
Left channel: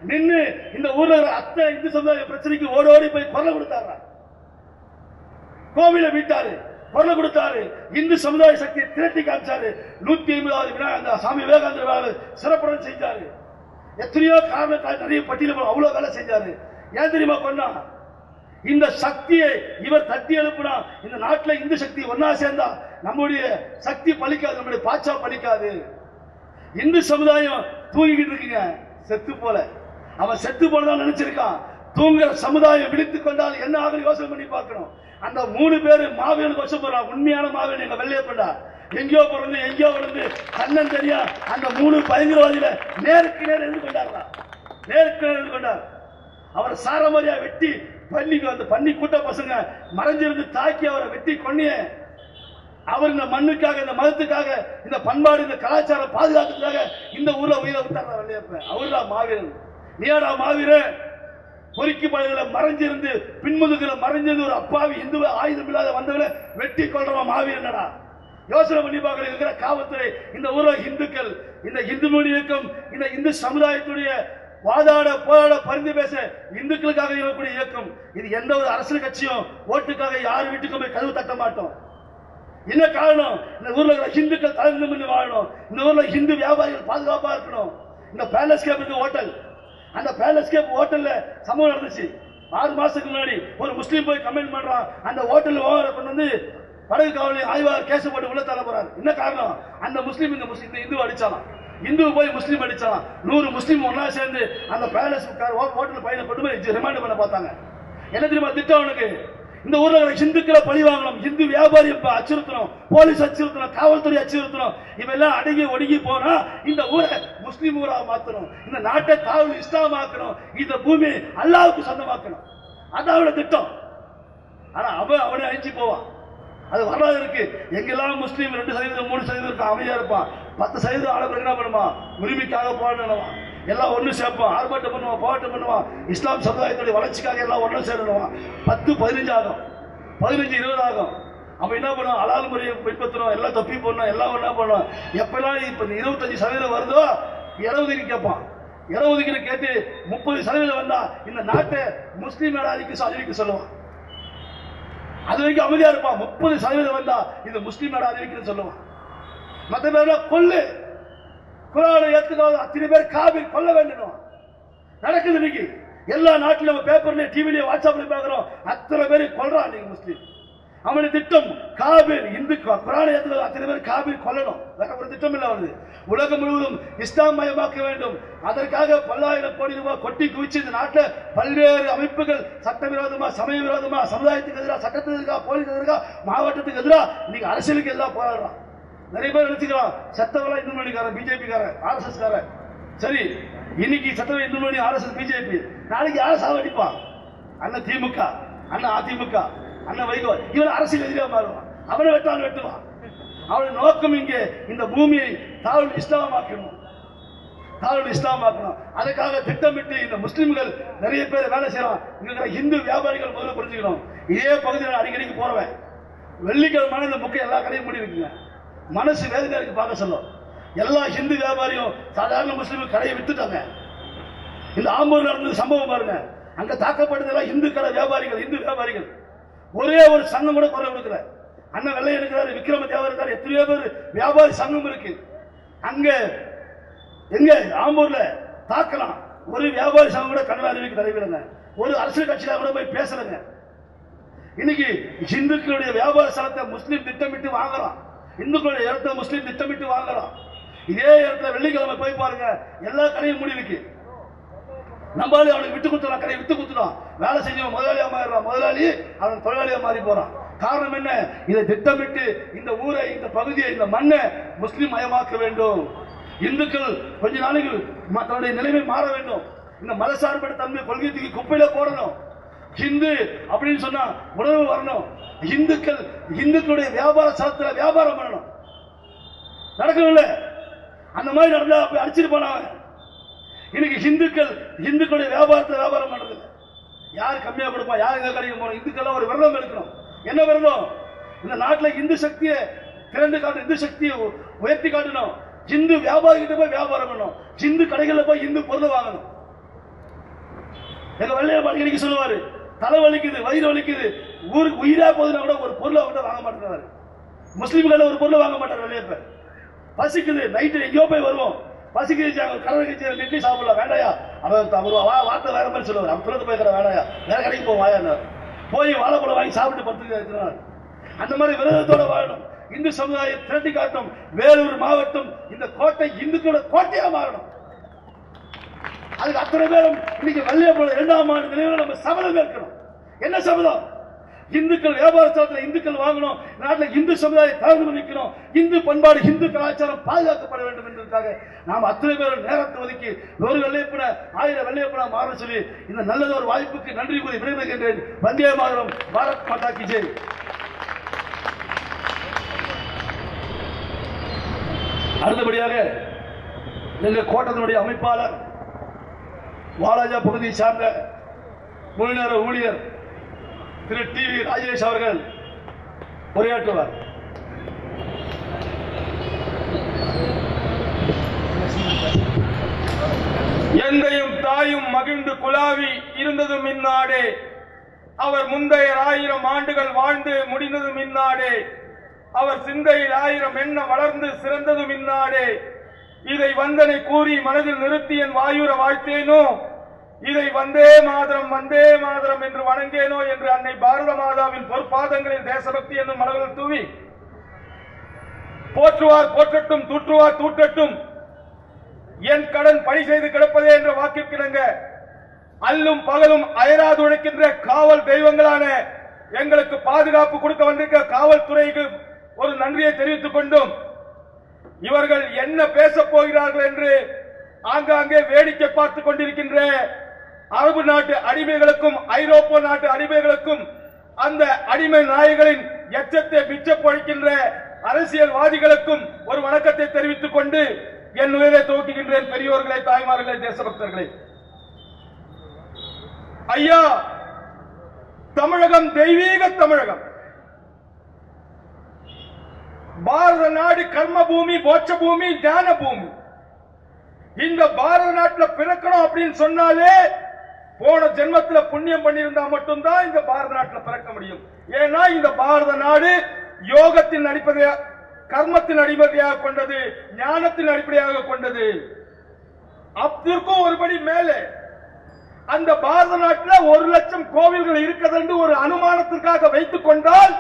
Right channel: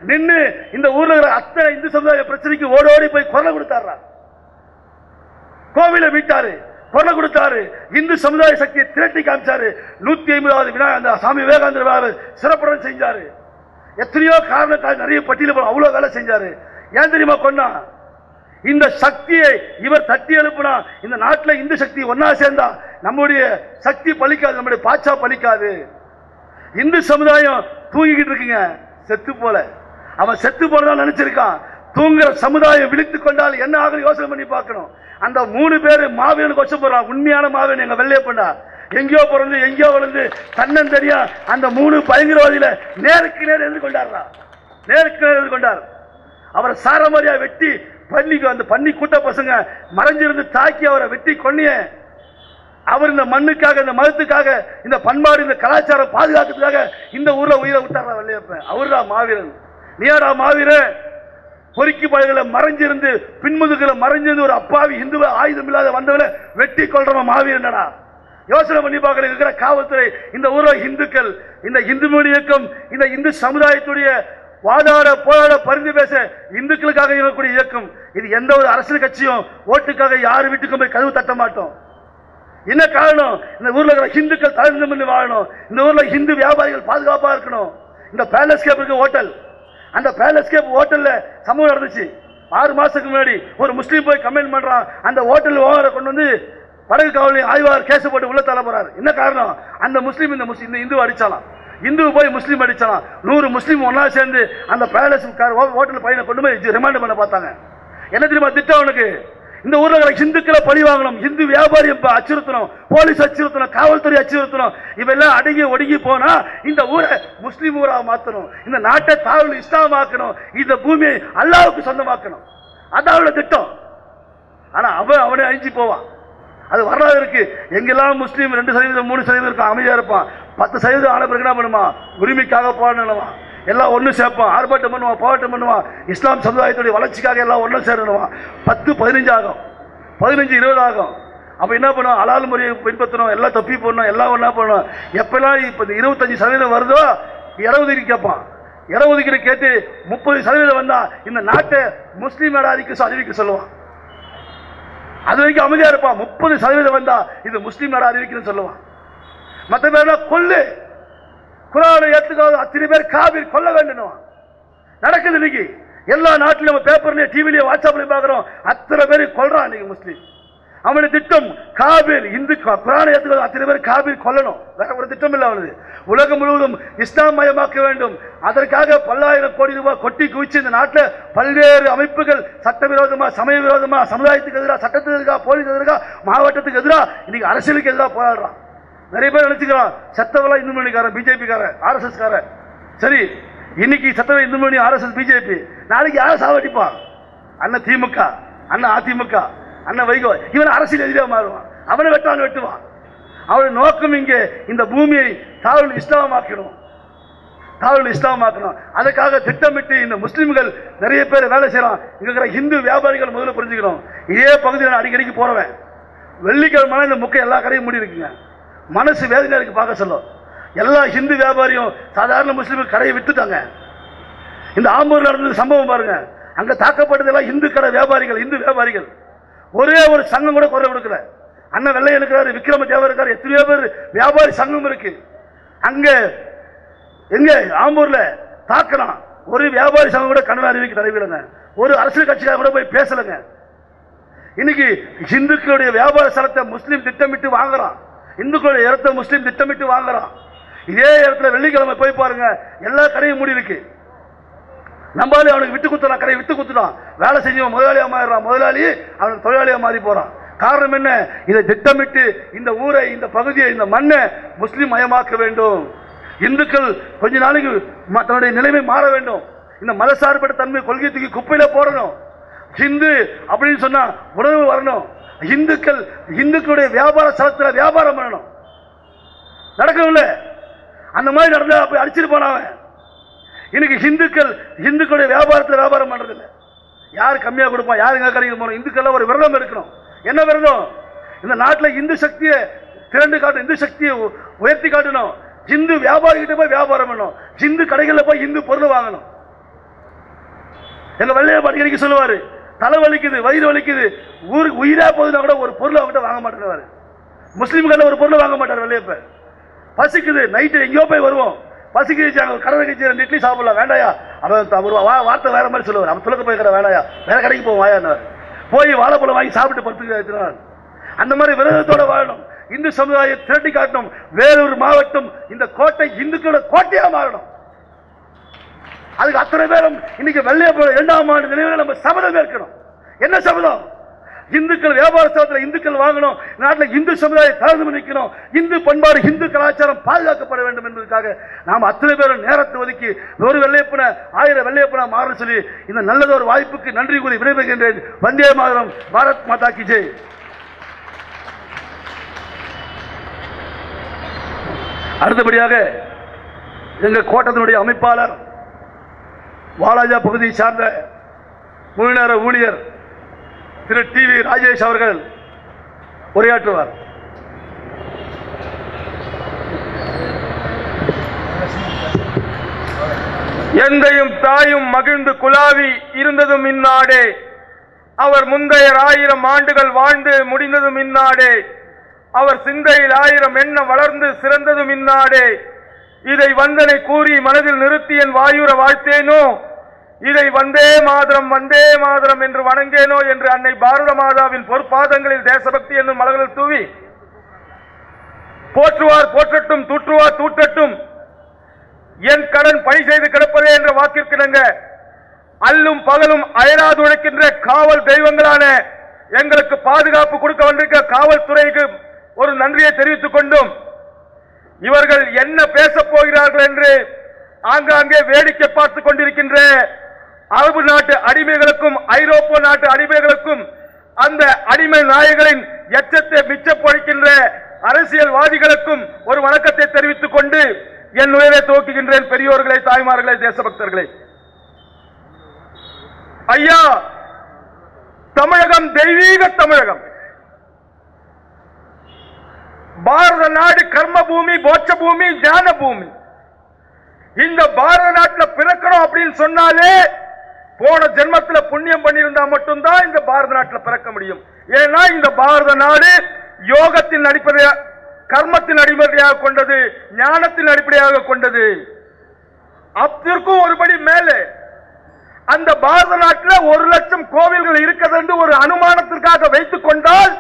நின்று இந்த ஊர்ல இருக்கிற அத்தனை இந்து சமுதாய பிரச்சனைக்கு ஓடோடி போய் குரல் கொடுத்தாரா? கோவிலை மீட்டாரு, குரல் கொடுத்தாரு, இந்து சமுதாய சக்தியை திரட்டி காமிச்சாரு. 150வது விநாயகர் சாமி விவேகானந்தர் சிறப்புடன் செஞ்சாரு. எத்தனையோ காரணத்தால் நிறைய பட்டியல் அவ்வளவு வேலை செஞ்சாரு. ஏன் தெரியுமா கொண்டா? இந்த சக்தியை இவர் தட்டி எழுப்புனா இந்த நாட்டில் இந்து சக்தி ஒன்னா சேர்ந்தா நம்முடைய சக்தி பலிக்காது, நம்முடைய பாச்சா பலிக்காது. இந்து சமுதாயம் தூங்கிக்கிட்டு இருக்குங்க, செத்து போல. அவன் செத்து போனதான் நினைச்சிருக்கான். தூங்குற சமுதாயம் விழித்துக் கொண்டால் என்ன ஆகும் யோசனை பண்ணி பார்க்கணும். அந்த 3 பேர் மாவீரன் கொச்சம் போறான். உண்மையான மாவீரன் எங்க வெள்ளையப்பண்டா. எங்கேயோ பிறந்து எங்கேயோ வளர்ந்து தன்னன் தெரியா அந்த 3 பயங்கரவாதிகளை நேருக்கு நேர் எதிர்கொண்டார். நேருக்கு நேர் எதிர்கொண்டார். அவரை சாரமாரியா வெட்டி பள்ளிக்கு அந்த பன்னி கூட்ட பசங்க மறைஞ்சிருந்து தாக்கி அவரை வெட்டி கொன்னிய. அவர் இந்த மண்ணுக்காக, இந்த மதத்துக்காக, இந்த பண்பாடு, இந்த கலாச்சாரம் பாதுகாக்கிறதுக்காக இந்த ஊர்ல உயிரை விட்டாரா வெள்ளையப்பன்? அவர்தான் மாவீரன். நீடா மாவீரன்? பொறுக்கி பழகளை மறைஞ்சிருந்து பின்முதுகளை மறைஞ்சிருந்து ஒரு அப்பாவி இந்து ஆயுதம் இல்லாத வந்தவனை வெட்டி கொள்றவன் மாவீரனடா. யோசனை பண்ணி பார்க்க இருக்கிற காவல்துறை, இந்த ஊர்ல இந்துக்கள், இந்த இந்து மொழி இயக்கம், இந்த இந்து சமுதாயத்துடைய வாதாட போராட பரிந்து பேச இந்துக்களுக்காக இருக்கக்கூடிய இயக்கம். இது எந்த ஒரு அரசியல் கட்சியும் ஓட்டுக்காக யார் வீட்டுக்கும் போய் கதவு தட்ட மாட்டோம். என்ன காரணம்? இந்த ஊர்ல இருக்கிற இந்துக்கள் தலைந்து பண்ணி வாழணும். இந்த ஊர்ல இந்து வியாபாரிகள் பாதுகாப்பா இருக்கணும். இந்த பேலஸ்கேப் இருக்கு ஹோட்டல், அந்த பேலஸ்கேப் ஹோட்டல்ல சம்பவம் நடந்துச்சு. 6 மாசத்துக்கு முன்னாடி ஒரு முஸ்லீம் போய் கமெண்ட் பண்றான். அந்த ஹோட்டல் ஓனரை கொண்டு வந்து படகு காவலி ஆய்வாளர் கேஸ் போட்டு உள்ள தள்ள போறாரு. என்ன காரணம்? அந்த முஸ்லீம் இந்த இந்து அடிச்சாலாம். இந்து போய் முஸ்லீம் அடிச்சாலாம். 100 முஸ்லீம் ஒன்னா சேர்ந்து அந்த பேலஸ் ஹோட்டல் பையனை கொண்டு போய் ரிமாண்ட் பண்ண பார்த்தாங்க. என்ன தெரியுமா திட்டம் அவனுக்கு? இந்த ஊர்ல இந்துக்களை பழி வாங்கணும், இந்து வியாபாரி அச்சுறுத்தணும், போலீஸ் அச்சுறுத்தணும், காவல்துறை அச்சுறுத்தணும். இவெல்லாம் அடங்கி ஒடுங்கி போனா இந்த ஊரை முஸ்லீம் ஊரா மாத்தணும், இந்த நாட்டை தாவல் இஸ்லாமாக்கணும், இந்த பூமியை அல்லாஹ்வுக்கு சொந்தமாக்கணும். அதான் அவனோட திட்டம். ஆனா அவனை அழிஞ்சு போவான். அது வரலாறு இருக்கு. எங்கெல்லாம் முஸ்லீம் 2%, 3% இருக்கும், அமைதியா இருப்பான். 10% ஆன பிறகு என்ன பண்ணுவான்? உரிமைக்காக போராடுவான். எல்லாம் ஒண்ணு சேர்ப்பான், ஆர்ப்பாட்டம் பண்ணுவான், போராட்டம் பண்ணுவான். இஸ்லாம் சமுதாயத்துடைய வளர்ச்சிக்காக எல்லாம் ஒண்ணு சேரணுவான். 10, 15 ஆகும், 15, 20 ஆகும். அப்ப என்ன பண்ணுவோம்? அலால் முறையை பின்பற்றணும், எல்லாம் தப்பி போடணும், எல்லாம் ஒண்ணா பண்ணணும். எப்பெல்லாம் இப்ப 25% வருதோ 20 கேட்பான். 20 கேட்டு 30% வந்தா இந்த நாட்டை முஸ்லீம் நாடாதிக்கு அறிவிக்க சொல்லுவான். அது வரைக்கும் அமைதியா இருப்பான். 30% வந்தா இது முஸ்லீம் நாடு அறிவிக்கணும்னு சொல்லுவான். மற்ற பேர் கொல்லு, குரானை ஏத்துக்காத அத்தனை பேர் காபீர் கொல்ல வேண்டும் நடக்குது. இன்னைக்கு எல்லா நாட்டிலும் பேப்பர்லயே, டிவிலயே, வாட்ஸ்அப்லயும் பாக்குறோம். அத்தனை பேர் கொல்றான் இன்னைக்கு முஸ்லீம். அவனுடைய திட்டம் காபீர், இந்து குரானை ஏத்துக்காத அத்தனை பேர் காபீர் கொல்லணும். வேற ஒரு திட்டம் இல்ல அவனது. உலகம் முழுவதும் இஸ்லாம் மயமாக்க வேண்டும். அதற்காக பல்லாயிரம் கோடி ரூபாய் கொட்டி குவிச்சு இந்த நாட்டில் பல்வேறு அமைப்புகள் சட்டவிரோதமா, சமய விரோதமா, சமுதாயத்துக்கு எதிராக, சட்டத்துக்கு எதிராக, போலீஸ் எதிராக, மாவட்டத்துக்கு எதிராக, இன்னைக்கு அரசியலுக்கு எதிராக போராடுறான். நிறைய பேர் நினைச்சுக்கிறான் சத்தவெல்லாம் இந்து மணிக்காரன், பிஜேபி காரன், RSS காரன். சரி, இன்னைக்கு சத்தவ இந்து மணி, RSS, பிஜேபி, நாளைக்கு யாரை சாவடிப்பான்? அண்ணன் திமுக, அண்ணன் அதிமுக, அண்ணன் வைகோ, இவன் அரசியல் எதிராக மாறுவான். அவனை வெட்டுவான். அவருடைய நோக்கம் இங்கே இந்த பூமியை தாவல் இஸ்லாமாக்கணும், தாவல் இஸ்லாமாக்கணும். அதுக்காக திட்டமிட்டு இந்த முஸ்லிம்கள் நிறைய பேர் வேலை செய்யலாம். இங்க இருக்கிற இந்து வியாபாரிகள் முதல்ல புரிஞ்சுக்கணும். இதே பகுதியில் நான் அடிக்கடிக்கு போறவன். வெள்ளிக்கிழமை இந்த முக்கை எல்லா கடையும் மூடி இருக்குங்க. மனசு வேதனை இருக்கு பார்க்க சொல்லும். எல்லா ஹிந்து வியாபாரியும் சாதாரண முஸ்லீம் கடையை வித்துட்டாங்க. இந்த ஆம்பூர் நடந்த சம்பவம் பாருங்க. அங்க தாக்கப்பட்டதெல்லாம் இந்து கடை வியாபாரிகள், இந்து வியாபாரிகள். ஒரே ஒரு சங்கம் கூட குறை கொடுக்கல. அண்ணன் வெள்ளை இருக்கிறாரு, விக்ரம தேவர் இருக்காரு, எத்தனையோ பேர் வியாபாரி சங்கம் இருக்கு. அங்க எங்க ஆம்பூர்ல தாக்கலாம், ஒரு வியாபாரி சங்கம் கூட கண்டன அறிவிக்க தலைவிடுங்க. ஒரு அரசியல் கட்சிக்காக கூட போய் பேசலங்க. இன்னைக்கு இந்துக்களுடைய வியாபார ஸ்தலத்தை முஸ்லீம் திட்டமிட்டு வாங்குறான், இந்துக்களுடைய இடத்தை முஸ்லீம் திட்டமிட்டு வாங்குறான். இதே இடத்துல வெள்ளிக்கிழமை போய் பாருங்க, எல்லா கடையும் மூடி இருக்கு. நம்பாலே அவனுக்கு விட்டு குத்துறான், கடையை விட்டு குத்துறான். வேலை செஞ்சவன் முதலாளியா மாறிடுறான், முதலாளி அவனுக்கு தொழிலாளியா மாறி போறான். காரணம் என்ன? இதை திட்டமிட்டு இந்த ஊரை, இந்த பகுதியை, இந்த மண்ணை முஸ்லீம் மயமாக்க வேண்டும். இந்துக்கள் கொஞ்ச நாளைக்கு தன்னுடைய நிலைமை மாற வேண்டும். இந்த மதசார்பற்ற தன்மை கொள்கை தூக்கி குப்பையில போடணும். ஹிந்து அப்படின்னு சொன்னா உணர்வு வரணும். இந்துக்களுடைய வியாபார ஸ்தலத்தில் வியாபாரம் பண்ணணும். நடக்கவில்ல. அந்த மாதிரி நடந்தா போய் அடிச்சிட்டு போனவன். இன்னைக்கு இந்துக்களுடைய வியாபாரத்தில் வியாபாரம் பண்றது இல்லை. யார் கம்மியா கொடுப்பான், யாருங்க கடைக்கு போறோம். இந்துக்கள் ஒரு விரதம் எடுக்கணும். என்ன விரதம்? இந்த நாட்டில் இந்து சக்தியை திரண்டு காட்டணும், இந்து சக்தியை உயர்த்தி காட்டணும். இந்து வியாபாரி கிட்ட போய் வியாபாரம் பண்ணணும். இந்து கடைகளில் போய் இந்து பொருள் வாங்கணும். எங்க வெள்ளைய அடிக்கடிக்கு சொல்லுவாரு, தலை வலிக்குது, வயிறு வலிக்குது, ஊருக்கு உயிரா போகுதுன்னா கூட ஒரு பொருளை அவங்ககிட்ட வாங்க மாட்டேங்கிறாரு. முஸ்லீம்கள் ஒரு பொருளை வாங்க மாட்டார் வெள்ளையப்ப. பசிக்குது, நைட்டு எங்கேயோ போய் வருவோம், பசிக்குது, கடை கட்சி 2 இட்லி சாப்பிடலாம், வேண்டாயா வார்த்தை வேற மாதிரி சொல்லுவார். அவன் துளக்க போய் வேண்டாயா, வேற கடைக்கு போவோம் வாயா, போய் வாழைப்பழம் வாங்கி சாப்பிட்டு படுத்து. அந்த மாதிரி விரதத்தோட வாழணும். இந்து சமுதாயம் திரட்டி காட்டணும். வேலூர் மாவட்டம் இந்த கோட்டை இந்துக்களோட கோட்டையா மாறணும். அதுக்கு அத்தனை பேரும் இன்னைக்கு வெள்ளையப்பழம் 2ஆம் ஆண்டு நினைவுல நம்ம சபதம் ஏற்கணும். என்ன சபதம்? இந்துக்கள் வியாபார ஸ்தலத்தில் இந்துக்கள் வாங்கணும். நாட்டில் இந்து சமுதாயம் தளர்ந்து நிற்கணும். இந்து பண்பாடு, இந்து கலாச்சாரம் பாதுகாக்கப்பட வேண்டும் என்பதற்காக நாம் அத்தனை பேரும் நேரத்தை ஒதுக்கி ஒரு வெள்ளையப்பன 1000 வெள்ளையப்பனா மாற சொல்லி இந்த நல்லதொரு வாய்ப்புக்கு நன்றி கூறி விடைபெறுகின்றேன். வந்தே மாதரம், பாரத் மாதா கி ஜெய். அடுத்தபடியாக எங்க கோட்டத்தினுடைய அமைப்பாளர், வாலாஜா பகுதியை சார்ந்த முழு நேர ஊழியர் திரு TV ராஜேஷ் அவர்கள் உரையாற்றுவார். எந்தையும் தாயும் மகிழ்ந்து குலாவி இருந்ததும் இந்நாடே, அவர் முந்தைய 1000 ஆண்டுகள் வாழ்ந்து முடிந்ததும் இந்நாடே, அவர் சிந்தையில் 1000 எண்ணம் வளர்ந்து சிறந்ததும் இந்நாடே. இதை வந்தனை கூறி மனதில் நிறுத்தி என் வாயுர வாழ்த்தேனோ, இதை வந்தே மாதரம் என்று வணங்கேனோ என்று அன்னை பாரத மாதாவின் பொற்பாதங்களில் தேசபக்தி என்னும் மலர்கள் தூவி போற்றுவார் போற்றட்டும், தூற்றுவார் தூற்றட்டும், என் கடன் பணி செய்து கிடப்பதே என்ற வாக்கிற்கிணங்க அல்லும் பகலும் அயராது உழைக்கின்ற காவல் தெய்வங்களான எங்களுக்கு பாதுகாப்பு கொடுக்க வந்திருக்கிற காவல்துறைக்கு ஒரு நன்றியை தெரிவித்துக் கொண்டும், இவர்கள் என்ன பேசப் போகிறார்கள் என்று ஆங்காங்கே வேடிக்கை பார்த்துக் கொண்டிருக்கின்ற அரபு நாட்டு அடிமைகளுக்கும் ஐரோப்பிய நாட்டு அடிமைகளுக்கும் அந்த அடிமை நாயகளின் எச்சத்தை மிச்சப் பொழிக்கின்ற அரசியல்வாதிகளுக்கும் ஒரு வணக்கத்தை தெரிவித்துக் கொண்டு என் உயிரை துவக்குகின்றேன். பெரியோர்களே, தாய்மார்களே, தேசபக்தர்களே, ஐயா, தமிழகம் தெய்வீக தமிழகம். பாரத நாடு கர்ம பூமி, போட்ச பூமி, ஞான பூமி. இந்த பாரத நாட்டில் பிறக்கணும் அப்படின்னு சொன்னாலே போன ஜென்மத்தில் புண்ணியம் பண்ணியிருந்தா மட்டும்தான் இந்த பாரத நாட்டில் பிறக்க முடியும். ஏன்னா இந்த பாரத நாடு யோகத்தின் அடிப்படையாக, கர்மத்தின் அடிப்படையாக கொண்டது, ஞானத்தின் அடிப்படையாக கொண்டது. அதற்கும் ஒருபடி மேலே அந்த பாரத நாட்டில் 1,00,000 கோவில்கள் இருக்கிறது என்று ஒரு அனுமானத்திற்காக வைத்துக் கொண்டால்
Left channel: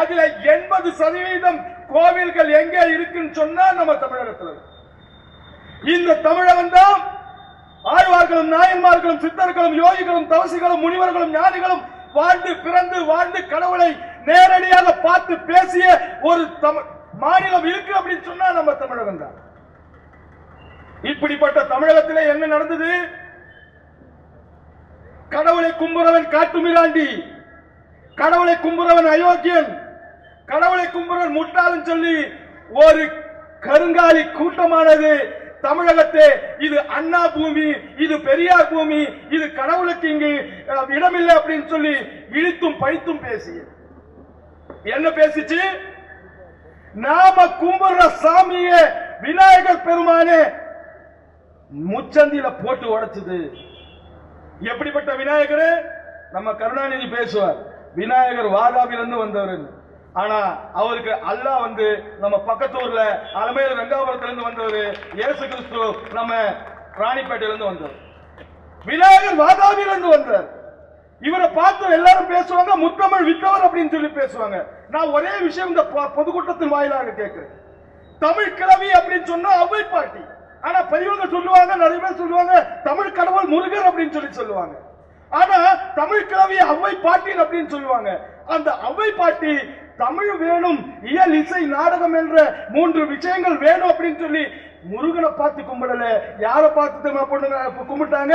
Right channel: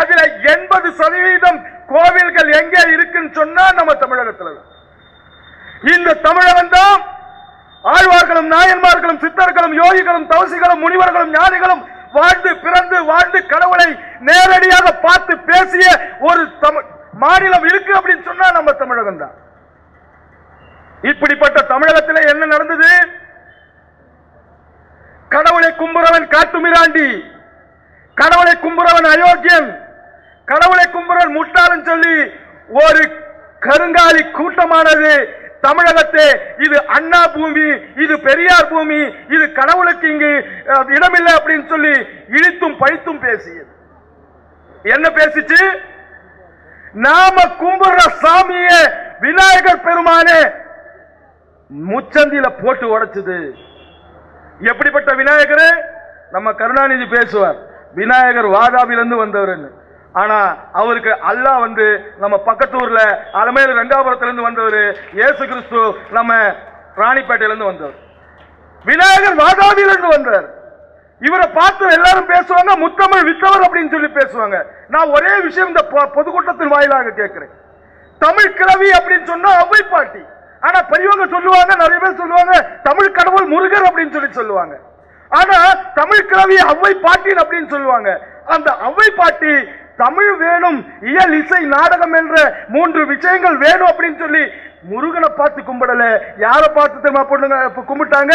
அதுல 80% கோவில்கள் எங்கே இருக்குன்னு சொன்னா நம்ம தமிழகத்தில். இந்த தமிழகம் தான் ஆழ்வார்களும் நாயன்மார்களும் சித்தர்களும் யோகிகளும் தவசிகளும் முனிவர்களும் ஞானிகளும் வாழ்ந்து பிறந்து வாழ்ந்து கடவுளை நேரடியாக பார்த்து பேசிய ஒரு மாநிலம் இருக்கு அப்படின்னு சொன்னா நம்ம தமிழகம் தான். இப்படிப்பட்ட தமிழகத்தில் என்ன நடந்தது? கடவுளை கும்புறவன் காட்டுமிராண்டி, கடவுளை கும்புறவன் அயோக்கியன், கடவுளை கும்புறவன் முட்டாளன் சொல்லி ஒரு கருங்காலி கூட்டமானது தமிழகத்தை இது அண்ணா பூமி, இது பெரியார் பூமி, இது கடவுளுக்கு இங்கு இடமில்லை அப்படின்னு சொல்லி இழித்தும் பழித்தும் பேசியது. என்ன பேசிச்சு? நாம கும்பிடுற சாமிய விநாயகர் பெருமானே முச்சந்தில போட்டு உடைச்சது. எப்படிப்பட்ட விநாயகர்? நம்ம கருணாநிதி பேசுவார், விநாயகர் வாதாபிலிருந்து வந்தவர். ஆனா அவருக்கு அல்லாஹ் நம்ம பக்கத்து ஊர்ல அலமேலு ரங்காபுரத்திலிருந்து வந்தவர். இயேசு கிறிஸ்து நம்ம ராணிப்பேட்டையிலிருந்து வந்தவர். விநாயகர் வாதாபிலிருந்து வந்தார். இவரை பார்த்து எல்லாரும் பேசுவாங்க, முத்தமிழ் வித்தவர் அப்படின்னு சொல்லி பேசுவாங்க. நான் ஒரே விஷயம் இந்த பொதுக்கூட்டத்தின் வாயிலாக கேட்கிறேன். தமிழ் கிழவி அப்படின்னு சொன்னா அவ்வை பாட்டி. ஆனா பெரியவங்க சொல்லுவாங்க, நிறைய பேர் சொல்லுவாங்க தமிழ் கடவுள் முருகர் அப்படின்னு சொல்லி சொல்லுவாங்க. ஆனா தமிழ் கிழவி அவ்வை பாட்டி அப்படின்னு சொல்லுவாங்க. அந்த அவ்வை பாட்டி தமிழ் வேணும், இயல், இசை, நாடகம் என்ற 3 விஷயங்கள் வேணும் அப்படின்னு சொல்லி முருகனை பார்த்து கும்பிடல. யாரை பார்த்து கும்பிட்டாங்க?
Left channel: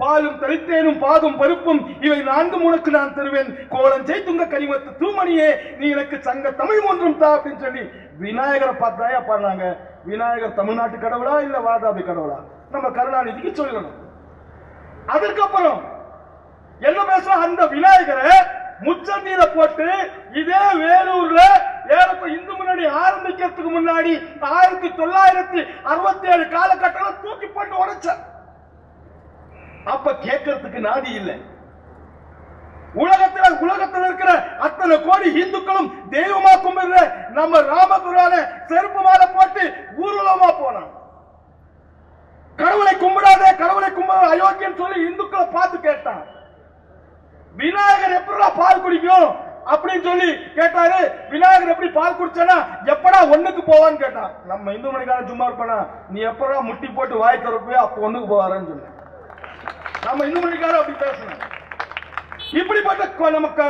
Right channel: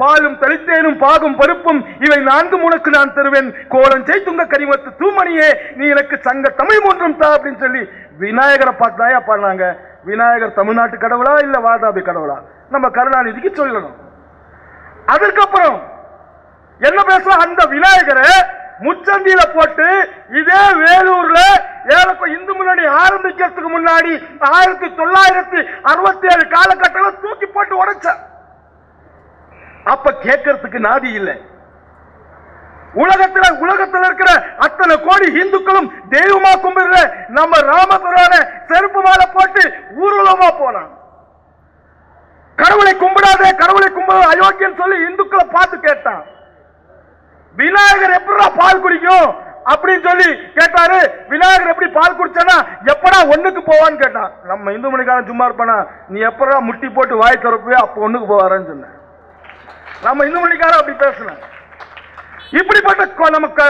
பாலும் தளித்தேனும் பாகும் பருப்பும் இவை 4 உனக்கு நான் தருவேன், கோலம் செய்துங்க கனிமத்து தூமணியே நீ எனக்கு சங்க தமிழ் ஒன்றும் தா அப்படின்னு சொல்லி விநாயகரை பார்த்தாயா பாடினாங்க. விநாயகர் தமிழ்நாட்டு கடவுளா இல்ல வாதாபி கடவுளா? நம்ம கருணாநிதிக்கு சொல்லணும். அதுக்கப்புறம் என்ன பேசலாம்? அந்த விநாயகரை முச்சந்தியில போட்டு இதே வேலூர்ல இந்து முன்னணி ஆரம்பிக்கிறதுக்கு முன்னாடி 1967 காலகட்டத்தில் தூக்கி போட்டு உடைச்ச. அப்ப கேட்கறதுக்கு நாதி இல்லை. உலகத்தில் இருக்கிற அத்தனை கோடி இந்துக்களும் தெய்வமா கும்பிடுற நம்ம ராமபுரான செருப்பு மாலை போட்டு ஊர்வலமா போனான். கடவுளை கும்பிடாத, கடவுளை கும்பிட அயோக்கியம் சொல்லி இந்துக்களை பார்த்து கேட்டான். விநாயகர் எப்படா பால் குடிக்கும் அப்படின்னு சொல்லி கேட்டாரு. விநாயகர் எப்படி பால் குடிச்சானா எப்படா ஒண்ணுக்கு போவான்னு கேட்டான். நம்ம இந்து மணிக்காரன் சும்மா இருப்பானா, நீ எப்படா முட்டி போட்டு வாய் திறப்பியோ அப்ப ஒண்ணுக்கு போவாரன்னு சொன்ன. நம்ம இந்து மணிக்காரன் அப்படி பேசணும். இப்படிப்பட்ட நமக்கு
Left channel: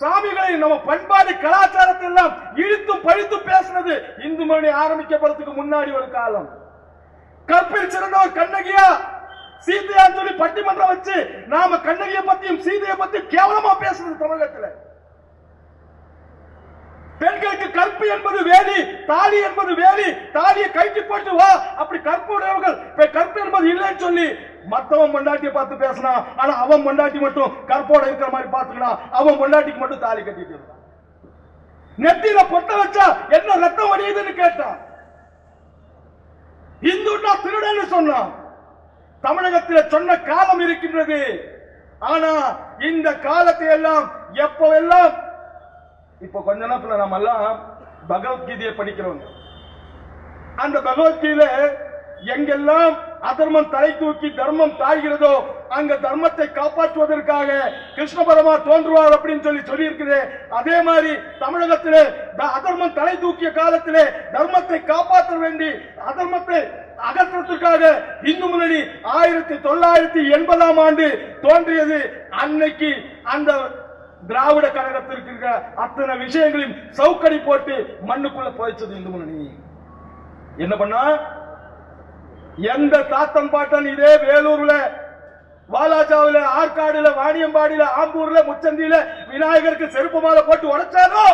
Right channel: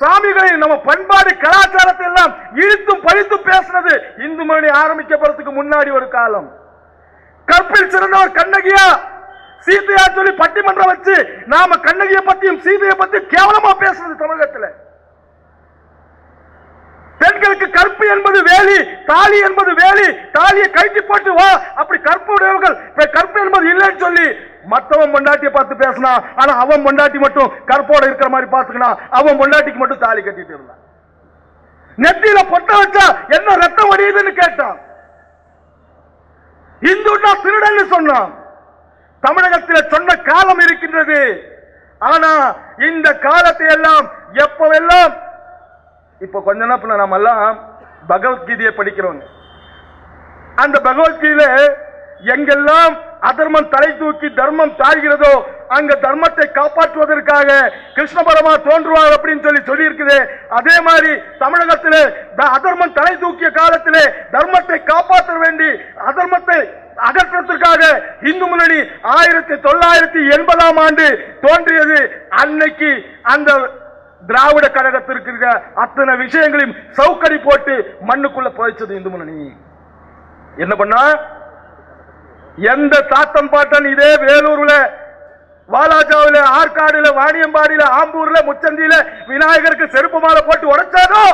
சாமிகளை நம்ம பண்பாடு கலாச்சாரத்தை எல்லாம் இழுத்தும் பழித்தும் பேசுனது இந்து மணி ஆரம்பிக்கப்படுறதுக்கு முன்னாடி ஒரு காலம். கற்பில் சிறந்தவர் கண்ணகியா சீதையா சொல்லி பட்டிமன்றம் வச்சு நாம கண்ணகியை பத்தியும் சீதையை பத்தி கேவலமா பேசுறது தமிழகத்தில். பெண்களுக்கு கற்பு என்பது வேலி, தாலி என்பது வேலி, தாலியை கைட்டி போட்டு வா அப்படி கற்பு உடையவர்கள் கற்பு என்பது இல்லைன்னு சொல்லி மத்தவன் பொண்டாட்டியை பார்த்து பேசினா. ஆனா அவன் பொண்டாட்டி மட்டும் கற்போட இருக்கிற மாதிரி பார்த்துக்கணும். அவன் பொண்டாட்டிக்கு மட்டும் தாலி கட்டிட்டு இருந்தான். நெத்தியில பொட்ட வச்சா என்ன ரத்தம் வடியுதுன்னு கேட்டான். இந்துன்னா திருடன்னு சொன்னான். தமிழகத்தில் சொன்ன காலம் இருக்கின்றது. ஆனா இந்த காலத்தை எல்லாம் எப்பவெல்லாம் இப்ப கொஞ்ச நேரத்தில் நம்ம எல்லாம் பகவத்கீதையை படிக்கிறோம். அந்த பகவத்கீதையில எங்கெல்லாம் அதர்மம் தலை தூக்கி தர்மம் தாழ்கிறதோ அங்க தர்மத்தை காப்பாற்றுவதற்காக கிருஷ்ண பரமா தோன்றுவார் அப்படின்னு சொல்லி இருக்குது. அதே மாதிரி தமிழகத்திலே அதர்மம் தலை தூக்கிய காலத்திலே தர்மத்தை காப்பாற்ற வேண்டி அதர்மத்தை அகற்றத்திற்காக இந்து முன்னணி 1980ஆம் ஆண்டு தோன்றியது. அன்னைக்கு அந்த திராவிட கழகத்திற்கு இருக்கிற அத்தனை விஷயங்களையும் சவுக்கடி போட்டு மண்ணுக்குள்ள புதைச்சது இந்து முன்னணி. என்ன பண்ணா? எந்த தாத்தன் பாட்டன் இதே வேலூர்ல, வாலாஜாவில, ஆற்காடுல, வாணியம்பாடியில, ஆம்பூர்ல, முச்சந்தியில விநாயகருக்கு செருப்பு மாலை போட்டு உடைச்சானோ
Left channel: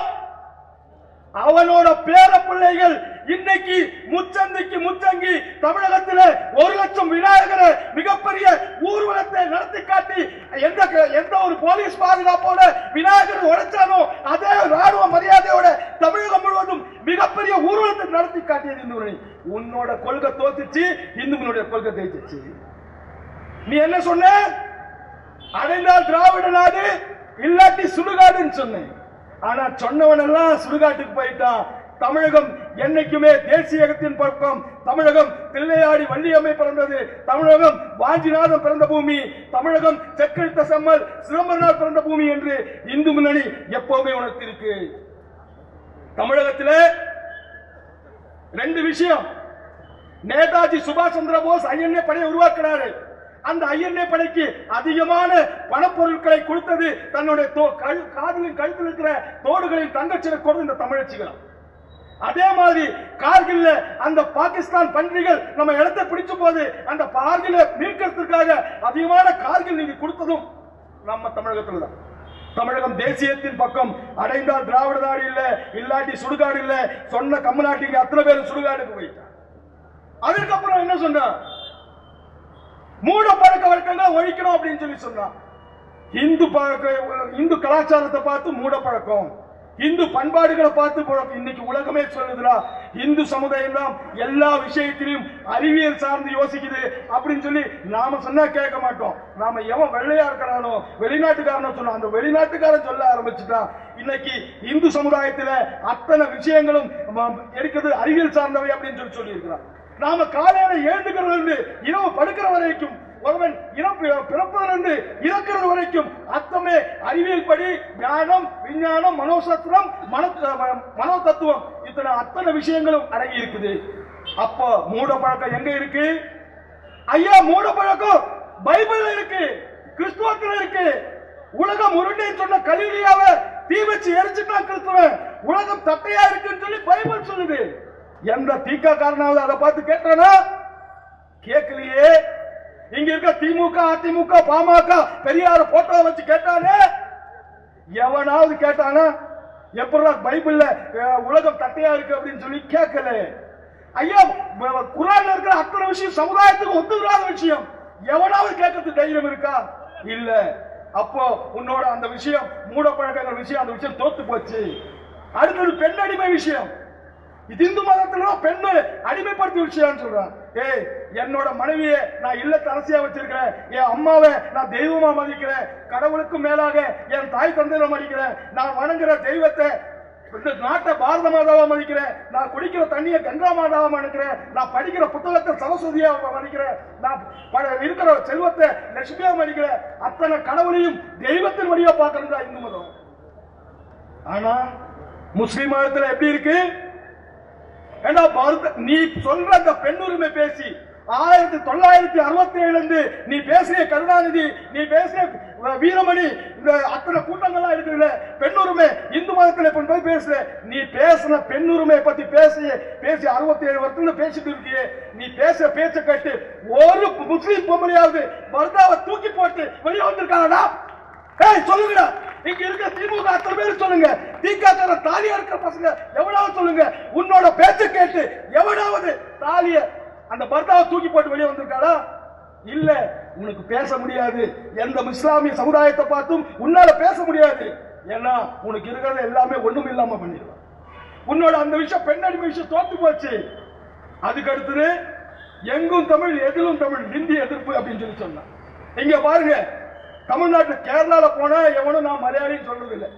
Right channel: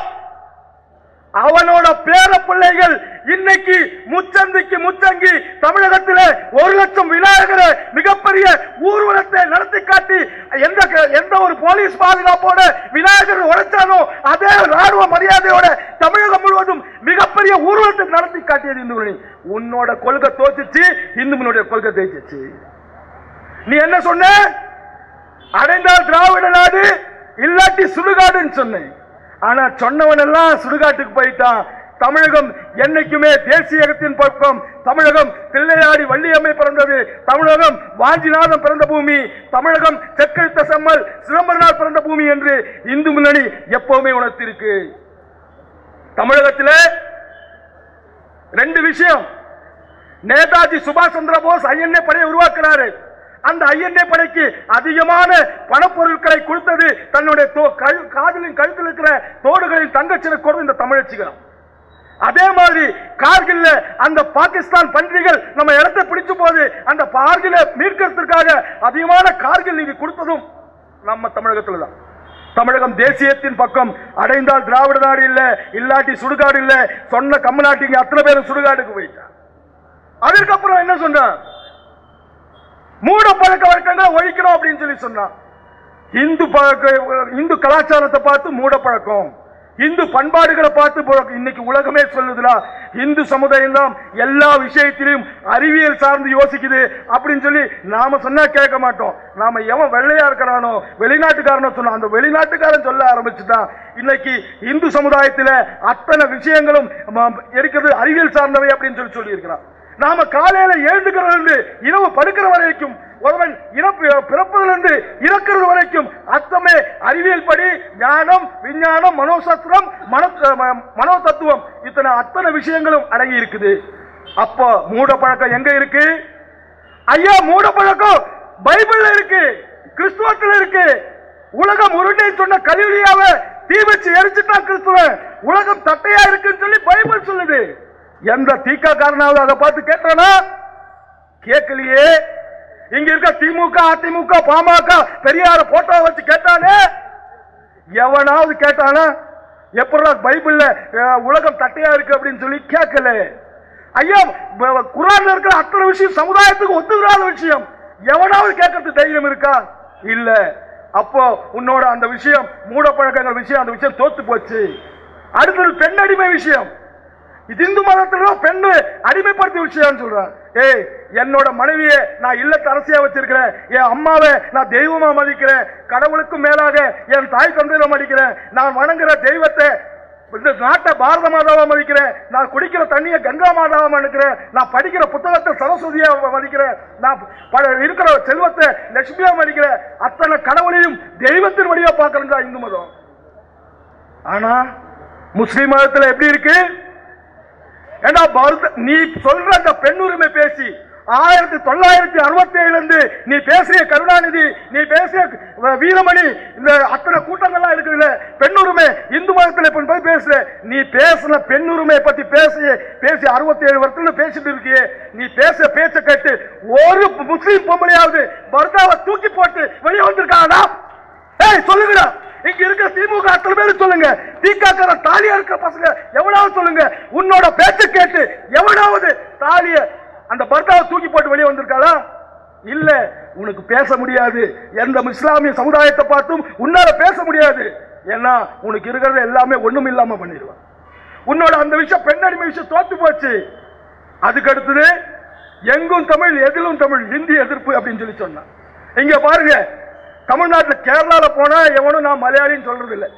அவனோட பேர பிள்ளைகள் இன்னைக்கு முச்சந்திக்கு முச்சங்கி தமிழகத்தில் 1 லட்சம் விநாயகரை மிகப்பெரிய ஊர்வலத்தை நடத்தி காட்டி எந்த ஒரு போலீஸ் பாதுகாப்போட விநாயகர் உடைச்சானோ அதே ராணுவ மரியாதையோட தமிழகம் முழுவதும் மிகப்பெரிய ஊர்வலத்தை நடத்தி காட்டியது இந்து முன்னணி. உன்னோட கொள்கை தோத்துச்சு, இந்து முன்னணியோட கொள்கை தேய்ச்சிச்சு. நீ என்ன சொன்ன? அடைந்தால் திராவிட நாடு இல்லாட்டி சுடுகாடுன்னு சொன்னேன். ஆனா சொன்னவன் எல்லாம் சுடுகாட்டுக்கு போயிட்டான். தமிழகம் என்னைக்குமே தேசியத்தின் பக்கம். தமிழகம் தில்லையாடி வள்ளியம்மை பிறந்தது. தமிழகம் வாஞ்சிநாதன் பிறந்த பூமி. தமிழகம் செக்கழுத்த செம்மல் சிதம்பரனார் பிறந்த பூமி என்று இந்து முன்னணி எப்பவுமே உணர்த்திருக்கு. தமிழகத்தில் 2 விஷயம். நேதாஜி சுபாஷ் சந்திர போஸ் ஐஎன்ஏ படையை உருவாக்கினாரு. அந்த ஐஎன்ஏ படைக்கு அதிகமான பணப்பொருட்களை கொடுத்தது தன்னுடைய காதலின் கழுத்தில் இருக்கிற தோடுகளின் தங்கச்சிலை கொடுத்து இந்த தமிழச்சிகள். அதே மாதிரி கார்கில்ல அந்த பாகிஸ்தான் பன்றிகள் நம்ம இடத்தை பிடிச்ச போது அந்த கார்கிலை மீட்கிறதுக்காக அதிகமான கார்கில் நிதி கொடுத்ததும் நம்ம தமிழகத்தில் தான். தமிழகம் தேசியத்தின் பக்கம். அடைந்தால் திராவிட நாடு இல்ல, இல்லாட்டி சுடுகாடு இல்ல சொன்ன கம்மநாட்டிங்க அத்தனை பேரும் சுடுகாடுக்கு போயிட்டான். அதற்கப்புறம் என்ன சொன்ன? மூட பழக்க வழக்கங்களை ஒழிக்கணும் அப்படின்னு சொல்லி சொன்னான். இந்து கலாச்சாரத்தை பார்த்து மூட பழக்கம், இந்து பண்பாடுகளை பார்த்து இன்னைக்கு உலகமே சொல்லுதுடா, இந்து சமுதாயம் தான் எல்லா விஷயத்திலும் அறிவியல் சார்ந்து யோசிக்குது அப்படின்னு சொல்லி நாம சொன்னா கேட்க மாட்டோம். நாம எவன் வெள்ளையா இருக்கிறானோ வெளிநாட்டுக்காரனோ சொன்னா அந்த வெளிநாட்டுக்காரன் சொல்ல ஆரம்பிச்சுட்டான். இன்னைக்கு இந்து சமுதாயத்தில் அத்தனை விஷயங்களும் இருக்கிறது அறிவியல் சார்ந்தவை அப்படின்னு சொல்லி இருக்கிறான். நாம காலையில எழுந்துக்கிறது இரவு படுக்கிற வரைக்கும் ஒருவன் பிறப்பதிலிருந்து இறக்கிறது வரைக்கும் அத்தமே அறிவியல் படி ஞானம், விஞ்ஞானம், மனோசாஸ்திரம், மனோ தத்துவம் இத்தனை அத்தனை விஷயங்களும் அடங்கி இருக்குது. அப்போ மூட பழக்கம் எங்க இருக்கு ஐயா? மூட பழக்கம் பைபிள்ல இருக்கு, கிறிஸ்துவத்தில் இருக்கு. உலகம் உருண்டை சொன்ன கலிலியாவை தீ வச்சு எரிச்சுட்டான் கிறிஸ்துவன். உலகம் தட்டையா இருக்குன்னு சொல்லி பைபிள் சொல்லுது. எந்த தீக்கா காரணாவது அதை பார்த்து கேட்டானா? கேட்கலையே. இங்க இருக்க திமுக, அதிமுக, பாமக, பெரியார போட்டோ வச்சு கேட்டானே? எவனாவது கேட்டானா? எப்படா பைபிள்ல உலகம் தட்டையா இருக்கு அப்படின்னு சொல்லி கேட்கல. ஐயா, குர்ஆன்ல இருக்கிற அத்தனை விஷயம் சமுதாயத்துக்கு ஒத்துக்கிறாத விஷயம். எவனாவது கேட்கறதுக்கு தைரியம் இருக்கா? இல்ல. அப்போ உன்னோட அந்த விஷயம் மூட பழக்கங்கள் விஷயம், அந்த விஷயம் தோத்து போச்சு. அடுத்தது பெண் அடிமை விஷயம். இது இந்து மதத்துல பெண்ணு அடிமைப்படுத்தி விஷயம் சொல்றான். ஏய், என்னோட மனைவியை நான் இல்லத்து அரசியா வச்சிருக்கிறேன், என் அம்மாவை நான் தெய்வமா மதிக்கிறேன், கடவுளுக்கும் மேலாக என் தாய் தந்தையில மதிக்கிறேன், நான் வணங்குற தெய்வத்தை இந்த நாட்டை பாரத மாதாவா மதிக்கிறேன், நான் குடிக்கிற தண்ணியை கங்கா மாதாவா மதிக்கிறேன், நான் படிக்கிற புத்தகத்தை சரஸ்வதியா மதிக்கிறேன், நான் இருக்கிற செல்வத்தை லட்சுமியா மதிக்கிறேன், அத்தனை கடவுளையும் தெய்வத்தின் வழியா பார்க்கறதா இந்து மதம். ஆனா முஸ்லிம் மதத்தில் எப்படி இருக்கு? நீ சொல்ற அந்த பெண் உரிமை பேசி 1967 இருந்து நீ பேசிய கருணாநிதி, நீ பேசிய வீரமணி, இந்த அத்தனை கூட்டங்கள்லாம் இருக்குல்ல பெண் உரிமை இந்து மதத்தில் போய் பேசுற. நீ பேசின பெண் உரிமை பத்தி பேசி 67 வருஷத்துல பேசிட்டு இருக்கியே, நீ பேச பேச்ச கேட்டு ஒரு முஸ்லீம் பொம்பளையாவது பர்தாவை தூக்கி போட்டு வெளியே வந்திருக்காங்கடா? ஏய் சொல்லுங்கடா. இங்க இருக்க திமுக அத்தனை பேரு சொல்லுங்க, திகாக்கார தாலியா இருக்கிற பசங்க எவனாவது சொல்லுங்க, உன்னோட பேச்ச கேட்டு எவனாவது தாலிய அந்த பர்தாவை தூக்கி போட்டு வெளியே வந்திருக்காளா? இல்ல. உனக்கு பேச முடியாது. எந்த இஸ்லாமிய சமுதாயத்தை பார்த்தும் உன்னால பேச முடியாது. ஏன்னா உனக்கு இருக்கிறது எல்லாமே ஒண்ணும் இல்லாம பண்ணிடுவான். உன்னோட அந்த விஷயம் பெண் அடிமை விஷயம் தோத்து போச்சு. அதுக்கு அடுத்தது எங்கும் தமிழ் எதிலும் தமிழ், ஹிந்தி எதிர்ப்பு அப்படின்னு சொல்லி சொன்னான். இங்க பாருங்க, தமிழ்நாட்டில் கேரளால போனா எவனும் நான் மலையாளின்னு சொல்றது இல்லை.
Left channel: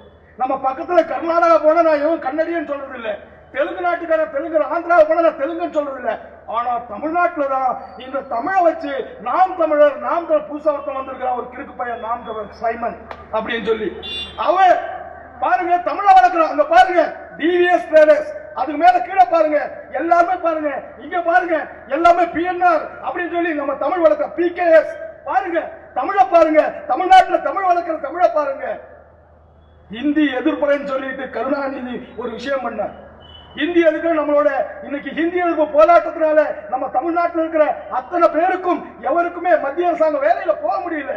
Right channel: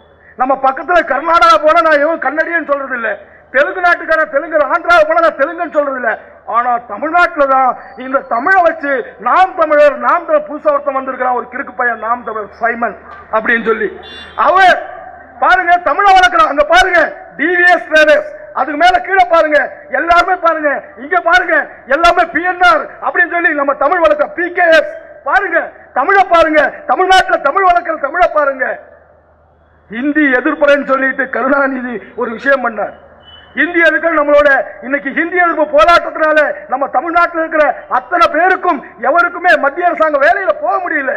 நம்ம பக்கத்துல கர்நாடகா போனா நான் எவனும் கன்னடியன்னு சொல்றது இல்லை. தெலுங்கு நாட்டுக்கார தெலுங்கு, ஆந்திரா போனா நான் தெலுங்குன்னு சொல்றது இல்லை. ஆனா தமிழ்நாட்டில் தான் இந்த தமிழை வச்சு நாம் தமிழர், நாம் தமிழ் புதுசா ஒருத்தம் வந்திருக்கிறான், ஒரு கிறுக்கு பையன், நாம் தமிழர் சைமன் அப்படின்னு சொல்லி அவன் பாருங்க தமிழை வளர்க்கிறான். அங்க பாருங்க டிவிஎஸ் ட்ரேடர்ஸ், அதுக்கு மேல கீழே பாருங்க எல்லாருமே பாருங்க, இங்க பாருங்க எல்லாமே பிஎன்ஆர் அப்படின்னு சொல்லி நம்ம தமிழ் வளர்க்க பிகேஎஸ் பாருங்க, தமிழை பாருங்க, தமிழ்நாட்டில் தமிழ் வளர்க்கிற தமிழை பாருங்க. ஹிந்தி எதிர்ப்புறன்னு சொல்லிட்டு கருணாநிதி ஒரு விஷயம் பண்ணார். ஹிந்தி எதிர்ப்பு நம்மளோட இன்னைக்கு ஹிந்தி எதிர்ப்பு போராட்டத்தினால நம்ம தமிழ்நாட்டில் இருக்கிற அத்தனை பேருக்கும் எவருக்குமே மத்திய அரசாங்கம் வேலையில போக முடியல.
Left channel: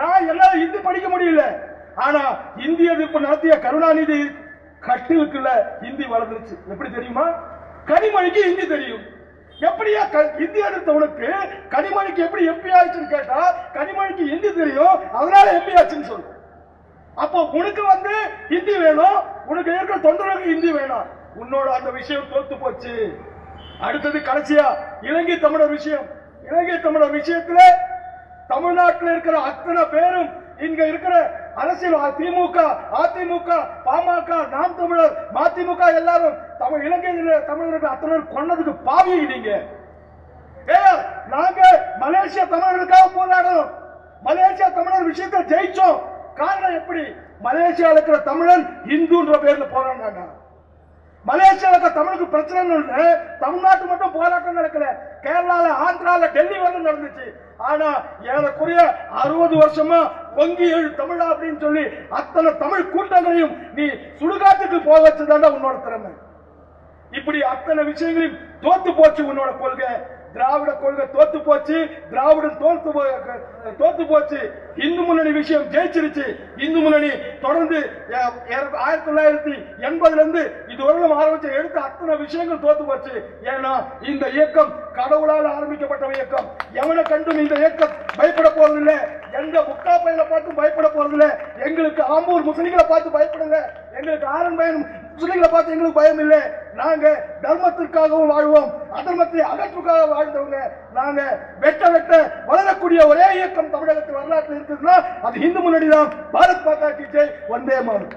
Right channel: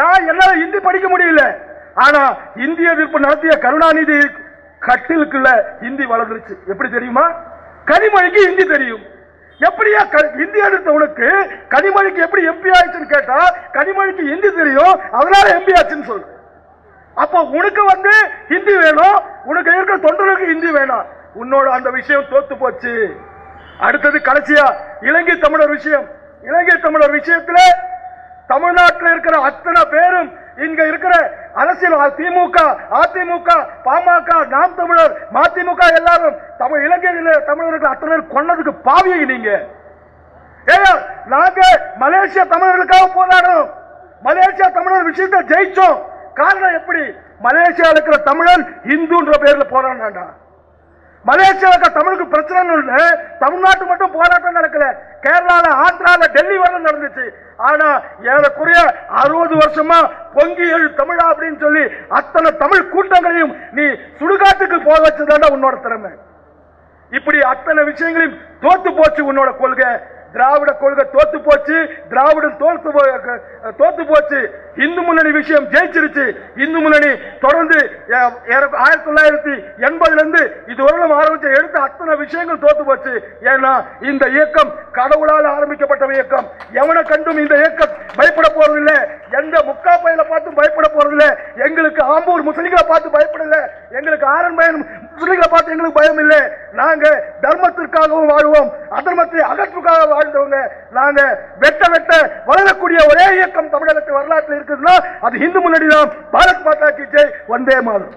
நான் என்னால ஹிந்தி படிக்க முடியல. ஆனா ஹிந்தி எதிர்ப்பு நடத்திய கருணாநிதி கட்டிலுக்குள்ள ஹிந்தி வளர்ந்துருச்சு. எப்படி தெரியுமா? கனிமொழிக்கு ஹிந்தி தெரியும். எப்படியா ஹிந்தி எடுத்தவனுக்கு கனிமொழிக்கு எப்படி எம்பி ஆயிடுச்சுன்னு கேட்டா கனிமொழிக்கு ஹிந்தி தெரியும், அதனால எம்பி ஆச்சுன்னு சொல்லு. அப்ப உனக்கு ஹிந்தி வேணும், உனக்கு இருக்கிற தொண்டர்களுக்கு ஹிந்தி வேணும். உன்னோட அந்த விஷயம் தோத்து போச்சு. அடுத்தது கடைசியா இலங்கை தமிழர் விஷயம். இலங்கை தமிழர் விஷயத்துல தமிழ்நாட்டில் இருக்கிற அத்தனை பேரும் இங்க இருக்கிற அரசியல் திமுக, அதிமுக, பாமக, நாம் தமிழர், மதிமுக எல்லாரும் தமிழ் இலங்கை தமிழர்கள் அத்தனை பேர் கொன்னதுக்கு பாவியை நீங்க. நாங்க மலேசியா தமிழர்களுக்காக போராடணும், மலேசியா தமிழர் விஷயத்தை ஜெயிச்சோம். காரணம் எப்படி? மலேசியா இருக்கிற தமிழன் இந்துன்ற பேர்ல போராடினா. மலேசியாவுக்கு தமிழுக்கு பிரச்சனை தமிழ்நாட்டு மட்டும் போராட்டம் நடக்கல, கேரளால, ஆந்திரால, டெல்லி வரை நடந்துச்சு. ஆனா ஏறக்குறைய 60 வருஷமா பொங்கி எழு தமிழா அப்படின்னு சொல்லி அத்தனை தமிழ் கூட்டங்களையும் நீ சுடுகாட்டுக்கு போக வச்சதாண்டா உன்னோட திறமை. இப்படி அத்தனை விஷயங்களையும் தோத்து போச்சு உன்னோட கொள்கை. திராவிட கொள்கை தோத்து போச்சு, திராவிடம் தோத்து போச்சு. இந்து முன்னணி விஷயம் ஜெயிச்சிருச்சு. இந்து முன்னணி தொடர்ந்து 1980 இருந்து இதுவரையிலும் ஆரம்பிச்ச எடுத்த அத்தனை விஷயங்கள் தோத்து போச்சு. ஏன்னா இந்த இயக்கம் கடவுளால் ஆரம்பிக்கப்பட்ட இயக்கம். எவனை கண்டும் இந்த இயக்கம் பயப்பட போறதில்லை, எந்த முக்கா பயில பார்த்து பயப்பட போறதில்லை, எங்களுக்கு ஆம்பூர் முஸ்லிம்களை பார்த்து பயப்படல, எங்களுக்கு ஆரன் பயம், முஸ்லிம்களை பார்த்து எங்களுக்கு பயம் இல்லை. நாங்க தர்மத்திற்காகவும் வாழ்வோம், அதர்மத்தை அகற்றுக்காக வாழ்ந்தவங்க. நாங்க வெட்ட வெட்ட வளரக்கூடிய ஒரே இயக்கம் தமிழகத்து வரலாற்றில் இருக்குதுன்னா அது இந்து முன்னணி தான். பாரத் மாதா கி ஜெய், வந்தே மாதரம்.